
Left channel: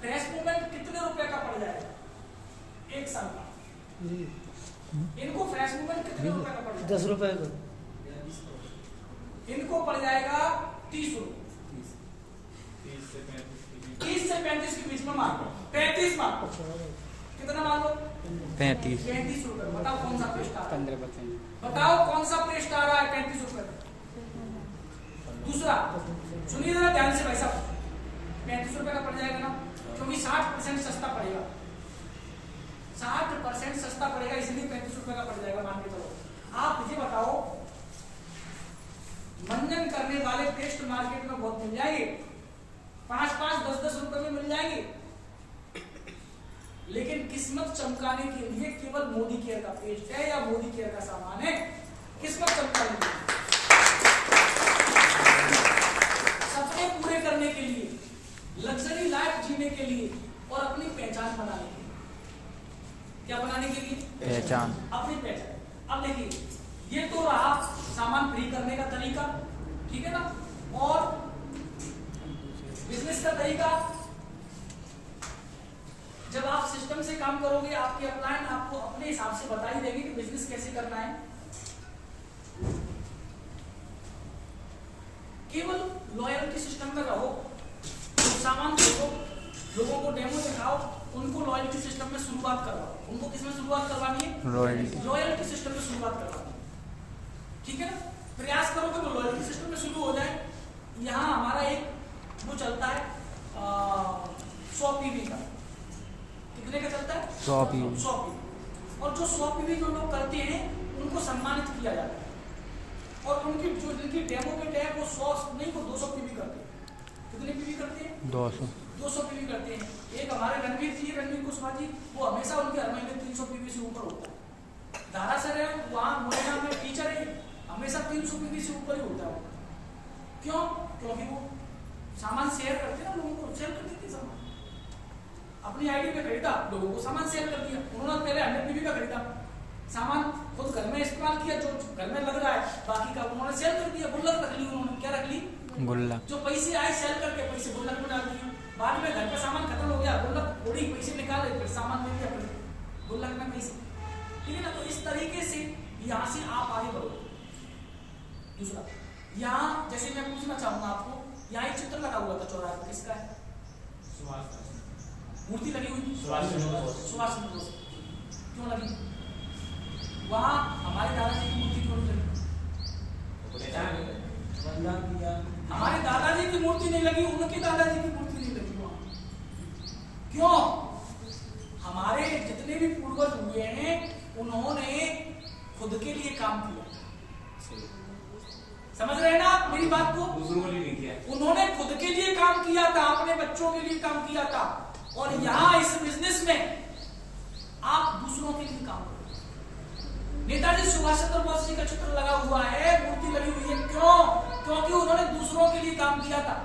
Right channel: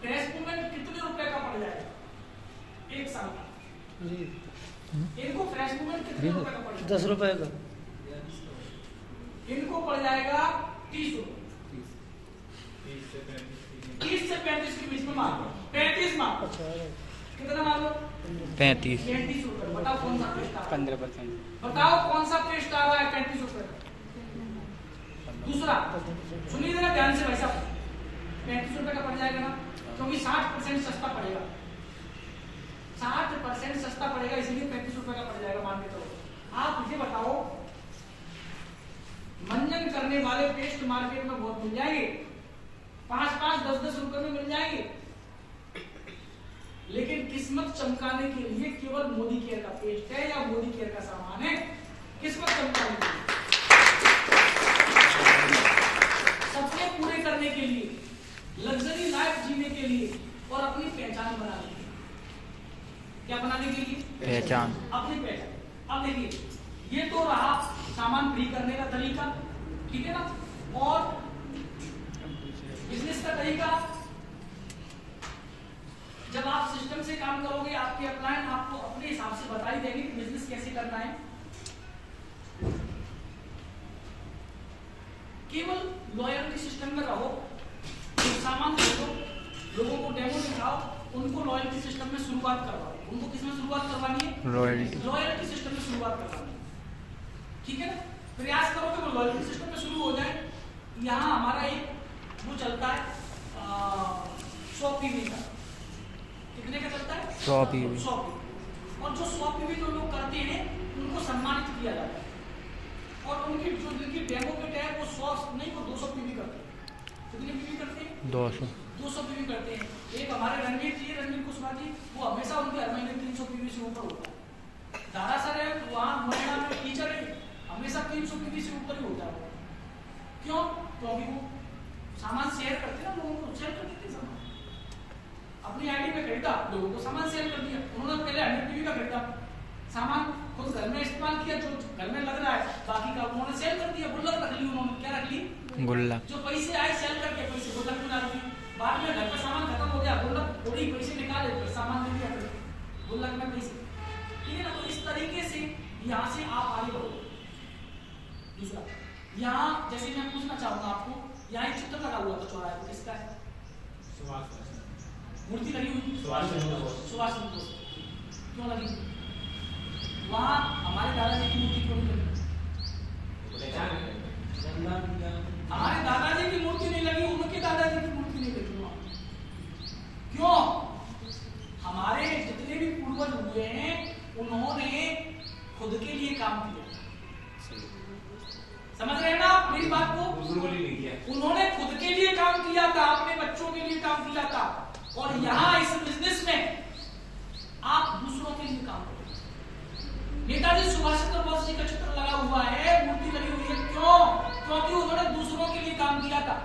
फ्रेश मूवमेंट कितने रुपए का पड़ जाएगा 1 साल का? इनको फ्रेश मूवमेंट कितने रुपए का पड़ जाएगा? 10 रुपए का। इनको पड़ जाएगा 30 रुपए। 30 से 35 के बीच में मान लो, 35 मान लो, कितना मान लो? 35 रुपए। बताओ कौन सा पेस्ट आ रहा है? 15%। बताओ कौन सा पेस्ट आ रहा है 35 रुपए? दूसरा सुनिए जरा ध्यान से भाई साहब, 35 रुपए का पड़ जाएगा ना, क्योंकि 60% सस्ता पड़ेगा, 60% सस्ता पड़ेगा, इसलिए 35 रुपए का पड़ जाएगा मान के चलो। आप मुझे बताओ, मंजन करने वाले पेस्ट मार्केट में बहुत मिल जाएंगे, 5-5, 10-10 रुपए में मिल जाएंगे, लेकिन किस्मत चमकाने के लिए केवल मोदी केयर का पेस्ट है या मोदी केयर का सामान है, किस्मत चमकाने के लिए, सपने पूरे करने के लिए, लग्जरी लाइफ जीने के लिए और अपनी पहचान बनाने के लिए। क्या बनाने के लिए? पहचान, अपनी पहचान। अब देखिए, ये तो रहा सामान फ्री करने का तरीका, ठीक है ना। और बिजनेस का तरीका, जब आप सिस्टम से काम करोगे, आपके अपलाइन आपको अपने हिसाब से बता ही देंगे कि बिजनेस कैसे करना है। केवल लॉयल्टी सिस्टम में रहो, सामान देखो, लोगों को डेमो दिखाओ, उनको लॉयल्टी सिस्टम में शुरुआत करवाओ। उनको किसमें शुरुआत करवानी है? लॉयल्टी सिस्टम में शुरुआत करवानी है, ठीक है ना। प्रयास करो कि वो लॉयल्टी सिस्टम में शुरू हो जाए। यहाँ हमारा एक वो चलता है 100 पीवी का। कितने का चलता है? 100 पीवी। 100 पीवी। और जो 100 पीवी जो लोग करते हैं उनको सम्मानित किया जाता है और उनकी जो जिनकी डेमो किट है वो 100 नहीं वो 200 पीवी करते हैं। कितने पीवी करते हैं? 200 पीवी करते हैं। एक हमारे रणवीर कुशवाहा जी, वो हमेशा उनके हर महीने 300 पीवी से ऊपर होता है। दारा सर है वहाँ नोएडा में टीचर है, हमेशा 300 पीवी से ऊपर ही होता है। क्यों? क्योंकि वो सामान शेयर करते हैं, लोगों को शेयर कर देते हैं सामान। अपनी आईडी पे खरीदा, लोगों को सामान शेयर कर दिया। उन्होंने पहले 100 पीवी का खरीदा सामान, खुद घर में इस्तेमाल किया, जो घर में लग रहा है, बाकी का उन्होंने सेल कर दिया। गुल्लक रख ली उन्होंने, क्या रख ली? गुल्लक। जो पैसे आए सेल करके पैसे गुल्लक में डाल दिए। बाद में घर का सामान खत्म हो गया, गुल्लक थोड़ी पैसे निकाले, फिर सामान ले लिया गुल्लक में पैसे। ठीक है ना? तो इस तरीके से यहाँ से आप आगे बढ़ो। दूसरा, यहाँ जैसे मैं पूछना चाहूंगा आपको, यहाँ एक चित्र लगा हुआ था चौराहे पर, किसका है? मूर्ति लगी हुई थी सुभाष चंद्र बोस। क्यों लगी? वहाँ हमारे दादाजी की मूर्ति क्यों नहीं लगी? हमारे दादाजी की मूर्ति नहीं लगी, उनके दादाजी की मूर्ति नहीं लगी वहाँ। क्यों? हमारे जितने भी पूर्वज हुए हैं उन्होंने खुद के लिए काम किया। समझ रहे हैं ना आप मेरी बात को? दूसरों के लिए नहीं किया। उन्होंने खुद के लिए काम किया था, अपने बच्चों के लिए काम किया था। और यहाँ इस बिजनेस में आप दूसरों के लिए काम करें। नेताजी सुभाष चंद्र बोस जी का चित्र लगा हुआ है, मूर्ति लगी हुई है। क्यों? क्योंकि उन्होंने दूसरों के लिए काम किया था।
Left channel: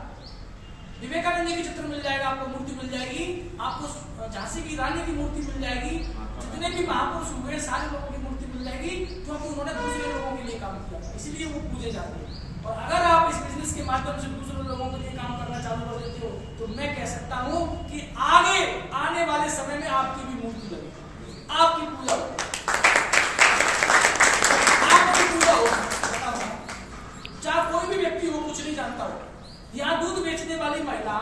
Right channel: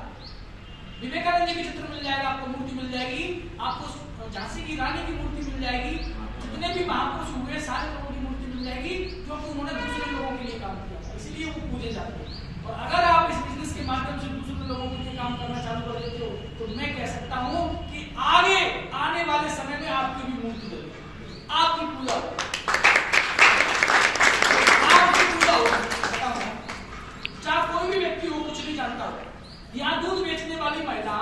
विवेकानंद जी की चित्र मिल जाएगा आपको, मूर्ति मिल जाएगी आपको, झांसी की रानी की मूर्ति मिल जाएगी, जितने भी महापुरुष हुए सारे लोगों की मूर्ति मिल जाएगी, क्योंकि उन्होंने दूसरे लोगों के लिए काम किया था, इसलिए वो पूजे जाते हैं। और अगर आप इस बिजनेस के माध्यम से दूसरे लोगों के लिए काम करना चालू कर देते हो तो मैं कह सकता हूँ कि आगे आने वाले समय में आपकी भी मूर्ति होगी, आपकी पूजा होगी, आपकी पूजा होगी। चाहे कोई भी व्यक्ति हो, कुछ नहीं जानता हो, यहाँ दूध बेचने वाली महिला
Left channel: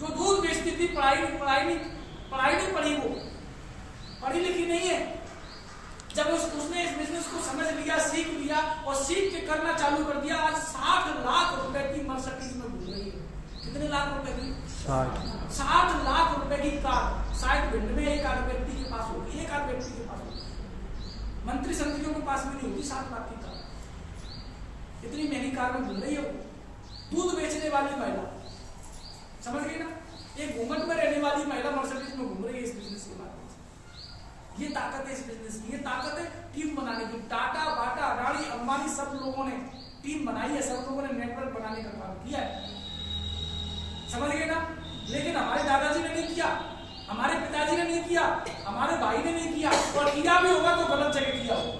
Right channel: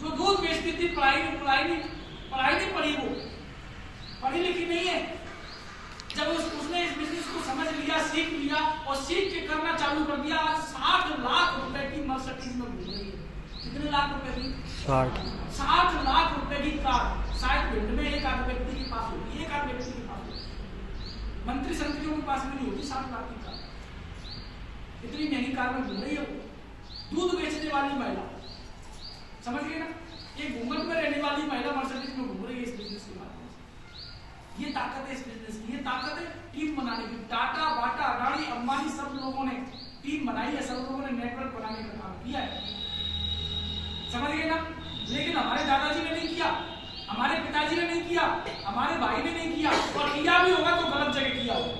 जो दूध बेचती थी, पढ़ाई नहीं पढ़ी, वो पढ़ी लिखी नहीं है। जब उसने इस बिजनेस को समझ लिया, सीख लिया और सीख के करना चालू कर दिया, आज 60 लाख रुपए की मर्सिडीज में घूम रही है। कितने लाख रुपए की? 60 लाख रुपए की कार शायद भिंड में एक आध व्यक्ति के पास होगी, एक आध व्यक्ति के पास होगी, मंत्री संतरियों के पास भी नहीं होती 60 लाख की कार। इतनी महंगी कार में घूम रही है वो। दूध बेचने वाली महिला, समझ गए ना? एक घूंघट में रहने वाली महिला मर्सिडीज में घूम रही है इस बिजनेस के माध्यम से। ये ताकत है इस बिजनेस की, ये ताकत है टीम बनाने की। टाटा, बाटा, अडानी, अंबानी सब लोगों ने टीम बनाई है, सब लोगों ने नेटवर्क बनाने का काम किया है। समझ गए ना? लेकिन हमारे दादाजी ने नहीं किया, हमारे पिताजी ने नहीं किया, हमारे भाई ने नहीं किया, और किया भी होगा तो गलत जगह किया होगा।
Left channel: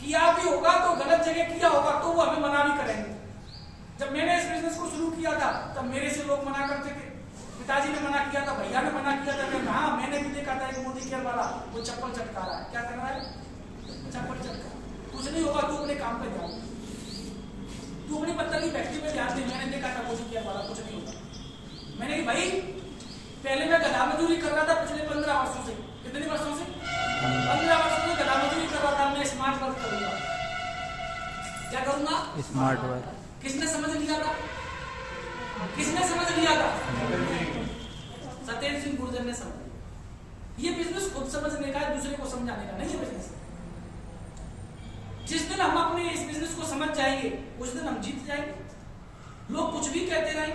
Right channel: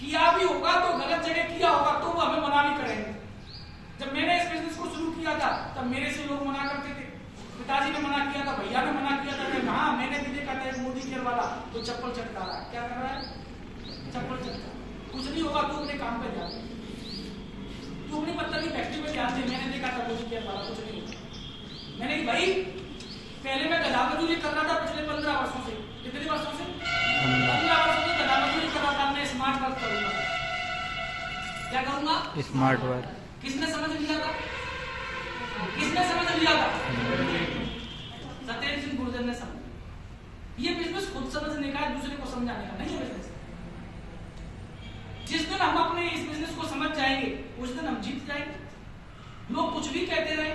किया भी होगा तो गलत जगह किया होगा, तो वो हमें मना भी करेंगे। जब मैंने इस बिजनेस को शुरू किया था तब मेरे से लोग मना करते थे, पिताजी ने मना किया था, भैया ने मना किया था। हाँ, मैंने भी देखा था एक मोदी केयर वाला, वो चप्पल चटका रहा है। क्या कर रहा है? चप्पल चटका। कुछ नहीं होगा, तू अपने काम पे जा, तू अपनी पत्ता की फैक्ट्री में जाते। मैंने देखा था मोदी केयर वाला, कुछ नहीं होगा। मैंने कि भाई पहले मैं गधा मजदूरी कर रहा था पिछले 15 वर्षों से। कितने वर्षों से? 15 वर्षों से गधा मजदूरी कर रहा था। मैं स्मार्ट वर्क करूंगा। क्या करूंगा? Smart work. किसने समझ लिया था? किसने समझ लिया था? सत्येंद्र सिंह गुर्जर ने समझ। ये बिजनेस खुद समझने का, दूसरे को समझाने का नहीं है बिजनेस। जिस दिन हम अपने इस बिजनेस को समझ जाएंगे उस दिन हम जीत जाएंगे। लोग कुछ भी कहते रहे,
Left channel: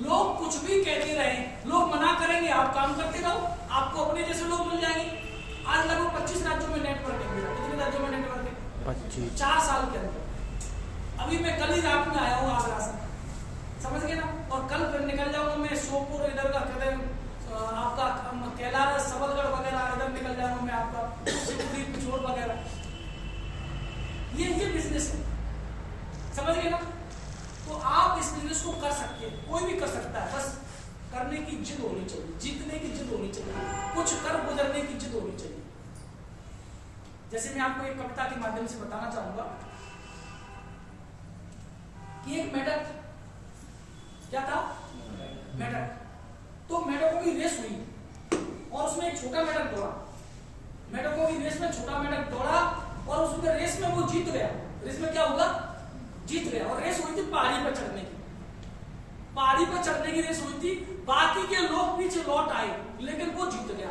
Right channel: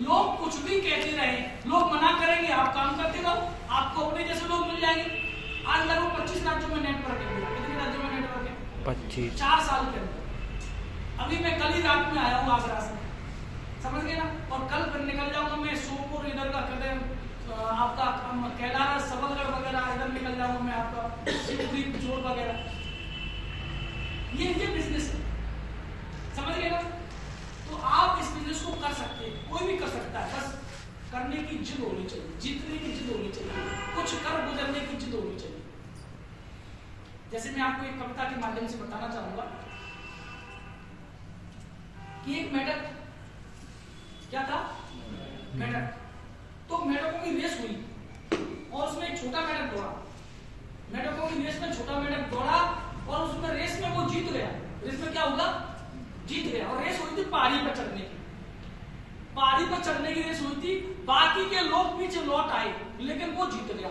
लोग कुछ भी कहते रहे, लोग मना करेंगे, आप काम करते रहो, आपको अपने जैसे लोग मिल जाएंगे। आज लगभग 25 राज्यों में नेटवर्क है। कितने राज्यों में नेटवर्क है? 25। 4 साल के अंदर। अभी मैं कल ही रात में आया हूँ आगरा से, समझ गए ना? और कल फिर निकल जाऊंगा मैं सोपोर, इधर का कदम, आपका कैलारा, सबलगढ़ वगैरह, इधर निकल जाऊंगा मैं, आपका सिद्धि, पिछोड़ वगैरह। ये बिजनेस है, समझ गए ना? तो आप इस बिजनेस को कर सकते हैं, कोई भी कर सकता है, बस करने की जिद होनी चाहिए, जीतने की जिद होनी चाहिए, कुछ कर गुजरने की जिद होनी चाहिए। जैसे मैं आपको एक कविता के माध्यम से बताना चाहूंगा कि एक मेढक, क्या था? मेढक। तो मेढकों की रेस हुई और उसमें एक छोटा मेढक दौड़ा। मेढकों की रेस में छोटा मेढक दौड़ा और उसमें रेस में वो जीत गया। रेस में क्या होगा? जीत गया। और रेस हुई थी पहाड़ी पर चढ़ने की। पे चढ़ने की रेस हुई थी, बाकी के लोग पीछे लौट आए, लेकिन वो जीत गया।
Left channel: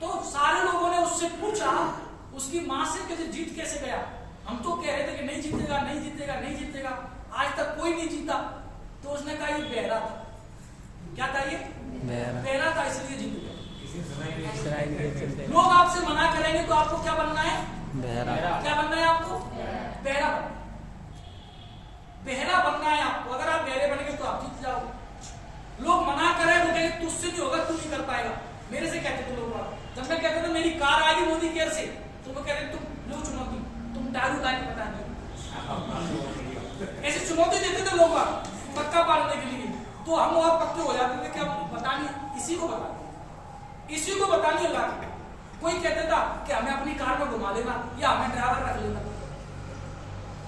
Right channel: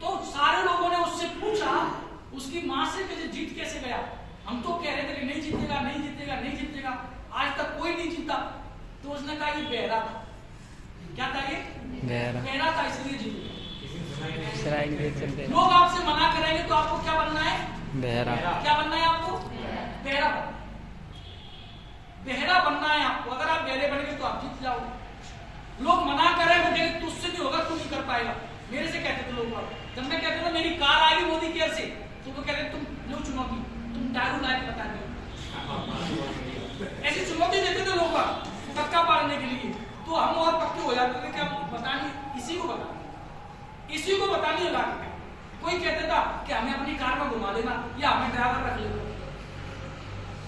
तो सारे लोगों ने उससे पूछा उसकी मां से कि जीत कैसे गया? हम तो कह रहे थे कि नहीं जीतेगा, नहीं जीतेगा, नहीं जीतेगा, आज तक कोई नहीं जीता। तो उसने कहा ये बहरा था। क्या था ये? बहरा था, इसलिए जीत गया। लोग आपसे मना करेंगे तो आपको क्या बनना है? बहरा। क्या बनना है आपको? बहरा। बहरा बनना है आपको। अगर आप बहरे बनेंगे तो आप जीत जाओगे। लोग मना करेंगे तुझसे नहीं होगा, तू नहीं कर पाएगा। मेरे से कहते थे लोग, जब मैं कहता था मेरी कार आएगी मोदी केयर से, तो वो कहते तुम लो चुनौती, तुम दारू लाए पता नहीं। ऐसी चुनौती देते थे लोग पक्का पालने के लिए, तो हम और पक्के हो जाते थे कि हम बतानी इसी को बतानी होगा। कोई कहते था कि हमें अपनी कार में घुमा देना या हमें ड्राइवर रख लेना,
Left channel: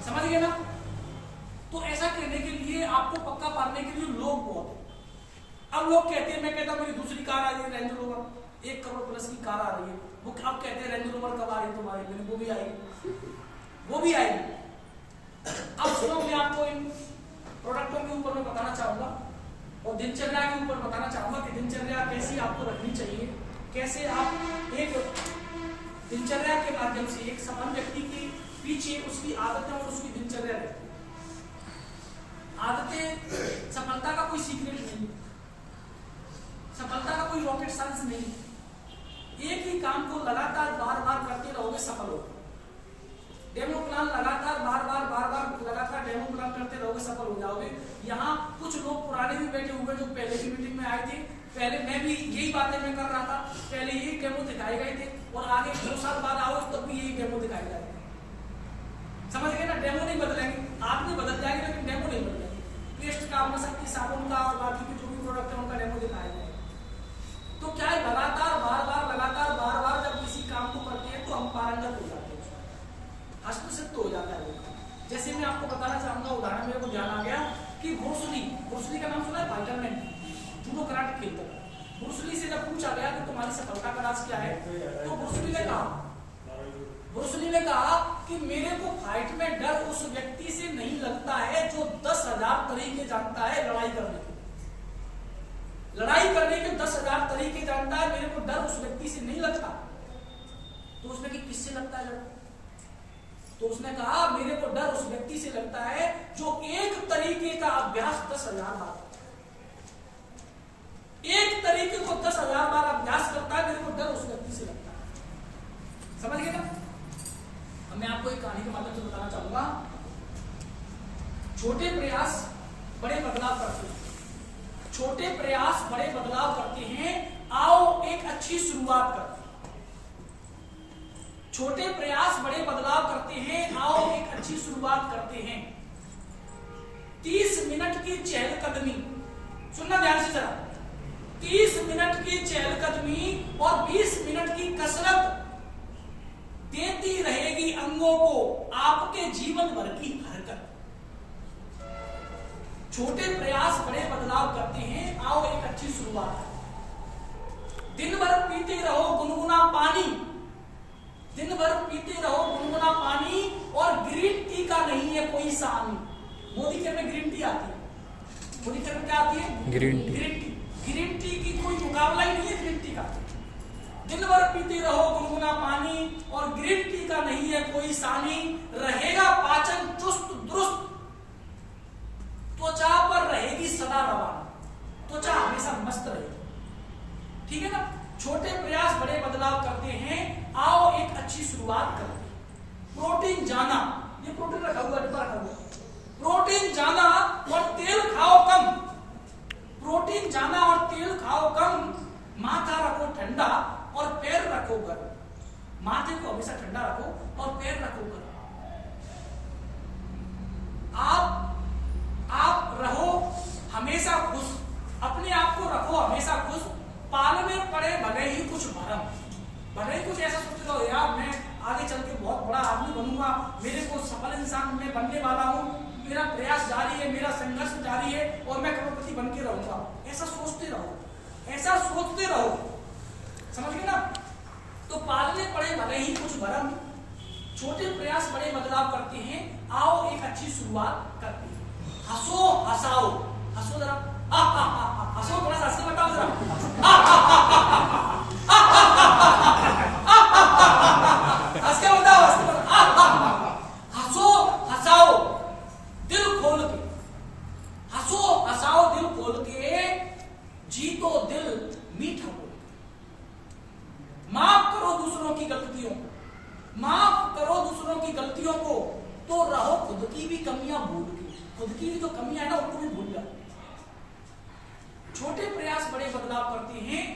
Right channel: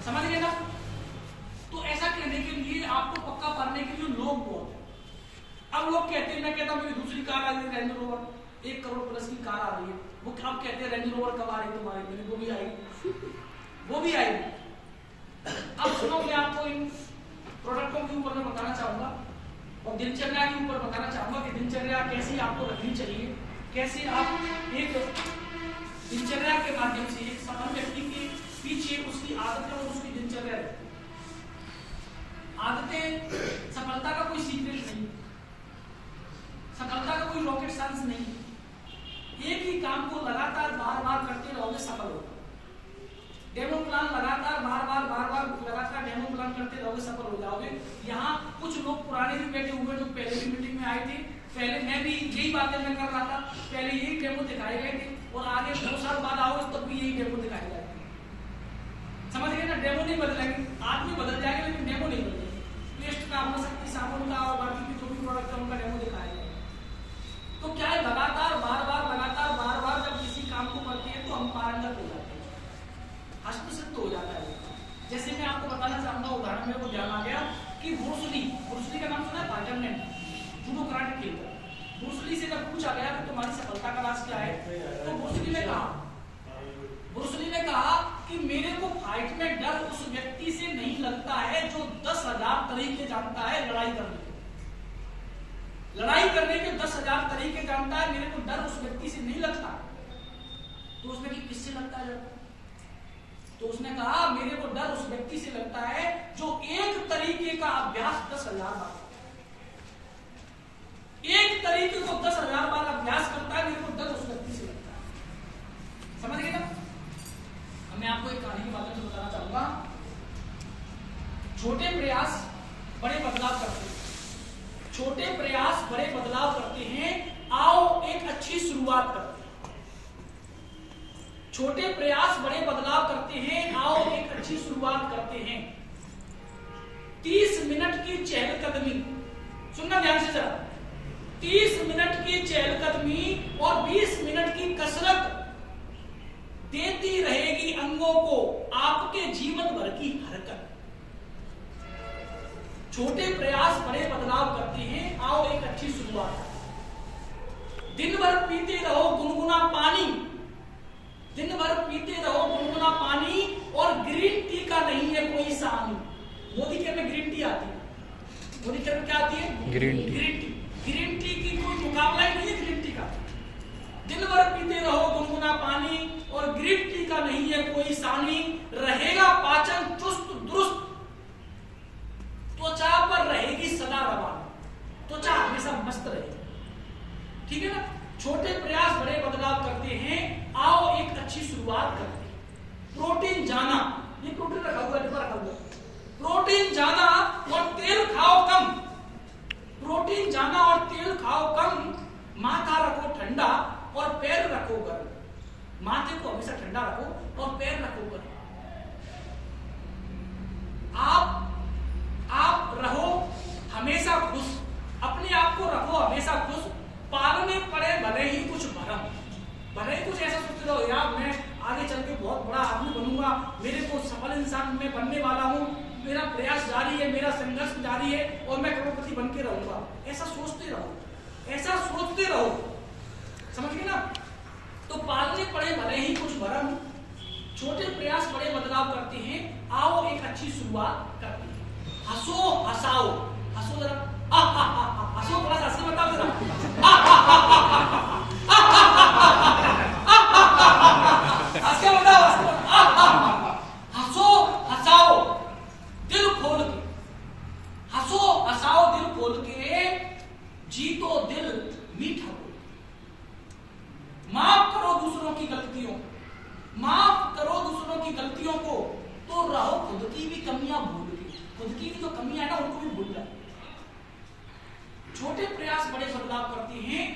समझ गए ना? तो ऐसा कहने के लिए आपको पक्का पालने के लिए लोग बहुत। अब लोग कहते हैं, मैं कहता हूँ मेरी दूसरी कार आ गई रेंज रोवर, 1 करोड़ प्लस की कार आ रही है। वो अब कहते हैं रेंज रोवर कब आ रही तुम्हारी? वो भी आएगी। अब सुनो, मैं आपको इन प्रोडक्टों के ऊपर मैं बताना चाहूंगा और दिनचर्या के ऊपर बताना चाहूंगा कि दिनचर्या कैसी आपको रखनी चाहिए, कैसे आप एक दिनचर्या के माध्यम से एक सफल व्यक्ति के पीछे उसकी आदतें और उसकी दिनचर्या रहती है। आदतें सफलता का कोई सीक्रेट नहीं, सफलता का कोई रॉकेट साइंस नहीं। एक ही काम को लगातार बार बार करते रहोगे सफल होगे। डेमो प्लान लगातार बार बार लगातार डेमो प्लान करते रहोगे सफल हो जाओगे। यहाँ कुछ लोग पुराने भी बैठे हुए जो पहले की मीटिंग में आए थे, पहले मैं भी यही बातें मैं कर रहा था, पहले यही डेमो दिखाए गए थे और आगे 2 साल बाद आओ तब भी यही डेमो दिखाए जाएंगे। समझ गए ना? डेमो नहीं बदलेंगे, आदमी बदल जाएंगे लेकिन डेमो नहीं बदलेंगे। पेस्ट का, शक्ति साबुन का और बाकी के जो भी प्रोडक्ट है उनका डेमो दिखाया जाएगा। तो क्या है, लगातार बार बार जब किसी काम को करते हैं तो हम पारंगत हो जाते हैं, हस्तसिद्ध हो जाता है। जैसे मैं आपको बताना चाहूंगा, उदाहरण मेरे को ध्यान आ गया कि ब्रूस ली का नाम सुना है? फाइटर मैन, जूडो कराटे खेलता है। ब्रूस ली से जब पूछा गया कि तुम्हारी सफलता का राज क्या है, तो ब्रूस ली ने कहा कि मेरे को फाइट में डर उस व्यक्ति से नहीं लगता है जो 10,000 तरीके जानता है लड़ाई करने के। लड़ाई करने के 10,000 तरीके जानता है, मेरे को डर उस व्यक्ति से नहीं लगता। तो उसने कि किससे लगता है डर? तो उसने कहा मेरे को डर उस व्यक्ति से लगता है जो एक तरीके का अभ्यास 10,000 बार, एक तरीके को 10,000 बार अभ्यास करता है, मेरे को डर उस व्यक्ति से लगता है। समझ गए ना? मैं आपको एक कहानी के माध्यम से बताना चाहूंगा। छोटे प्रयास बड़े बदलाव करते हैं, छोटे प्रयास बड़े बदलाव करते हैं। आओ एक अच्छी शुरुआत करते हैं। छोटे प्रयास बड़े बदलाव करते हैं, आओ एक अच्छी शुरुआत करते हैं। 30 मिनट की चहलकदमी, सुनना ध्यान से जरा। 30 मिनट की चहलकदमी और 20 मिनट की कसरत देती रहेगी अंगों को आपके जीवन भर की हरकत। छोटे प्रयास बड़े बदलाव करते हैं, आओ एक अच्छी शुरुआत। दिन भर पीते रहो गुनगुना पानी, दिन भर पीते रहो गुनगुना पानी और ग्रीन टी का नहीं है कोई सानी। मोदी केयर में ग्रीन टी आती है। मोदी केयर में क्या आती है? ग्रीन टी की कोई मुकाबला ही नहीं है ग्रीन टी का। दिन भर पीते रहो गुनगुना पानी और ग्रीन टी का नहीं है कोई सानी। रहेगा पाचन चुस्त दुरुस्त, त्वचा पर रहेगी सदा रवान, त्वचा हमेशा मस्त रहेगी। ठीक है ना? छोटे प्रयास बड़े बदलाव करते हैं, आओ एक अच्छी शुरुआत करते हैं। प्रोटीन जाना, ये प्रोटीन रखा हुआ डिब्बा रखा हुआ, प्रोटीन जाना और तेल खाओ कम। प्रोटीन जाना और तेल खाओ कम। माथा रखो ठंडा और पैर रखो गर्म। माथे को हमेशा ठंडा रखो और पैर रखो गर्म। आप रहो हमेशा खुश, अपने आप को रखो हमेशा खुश। पालने पड़े भले ही कुछ भरम, भले ही कुछ ऐसा सोचते रहो यार मैं आगे चल के बहुत बड़ा आदमी बनूंगा, मेरे को सफल इंसान में बनने वाला हूँ, मेरा प्रयास जारी है, मेरा संघर्ष जारी है और मैं करोड़पति बन के रहूंगा। ऐसा सोचते रहो, ऐसा सोचते रहो। समझ गए ना? तो पालने पड़े भले ही कुछ भरम, छोटे प्रयास बड़े बदलाव करते हैं, आओ एक अच्छी शुरुआत करते हैं। हंसो हंसाओ, हंसो जरा, हंसो थोड़ा सा, हंस के बताओ जरा। हंस के बताओ, हंस के बताओ। हंसो, हंसाओ दिल खोल के, हंसो हंसाओ दिल खोल के, जीतो दिल मीठा बोल। माफ करो दूसरों की गलतियों, माफ करो दूसरों की गलतियों को, तो रहो खुद की भी कमियां भूल के। खुद की भी जो कमियां है ना, उनको भी भूल जाओ। छोटे प्रयास बड़े बदलाव करते हैं।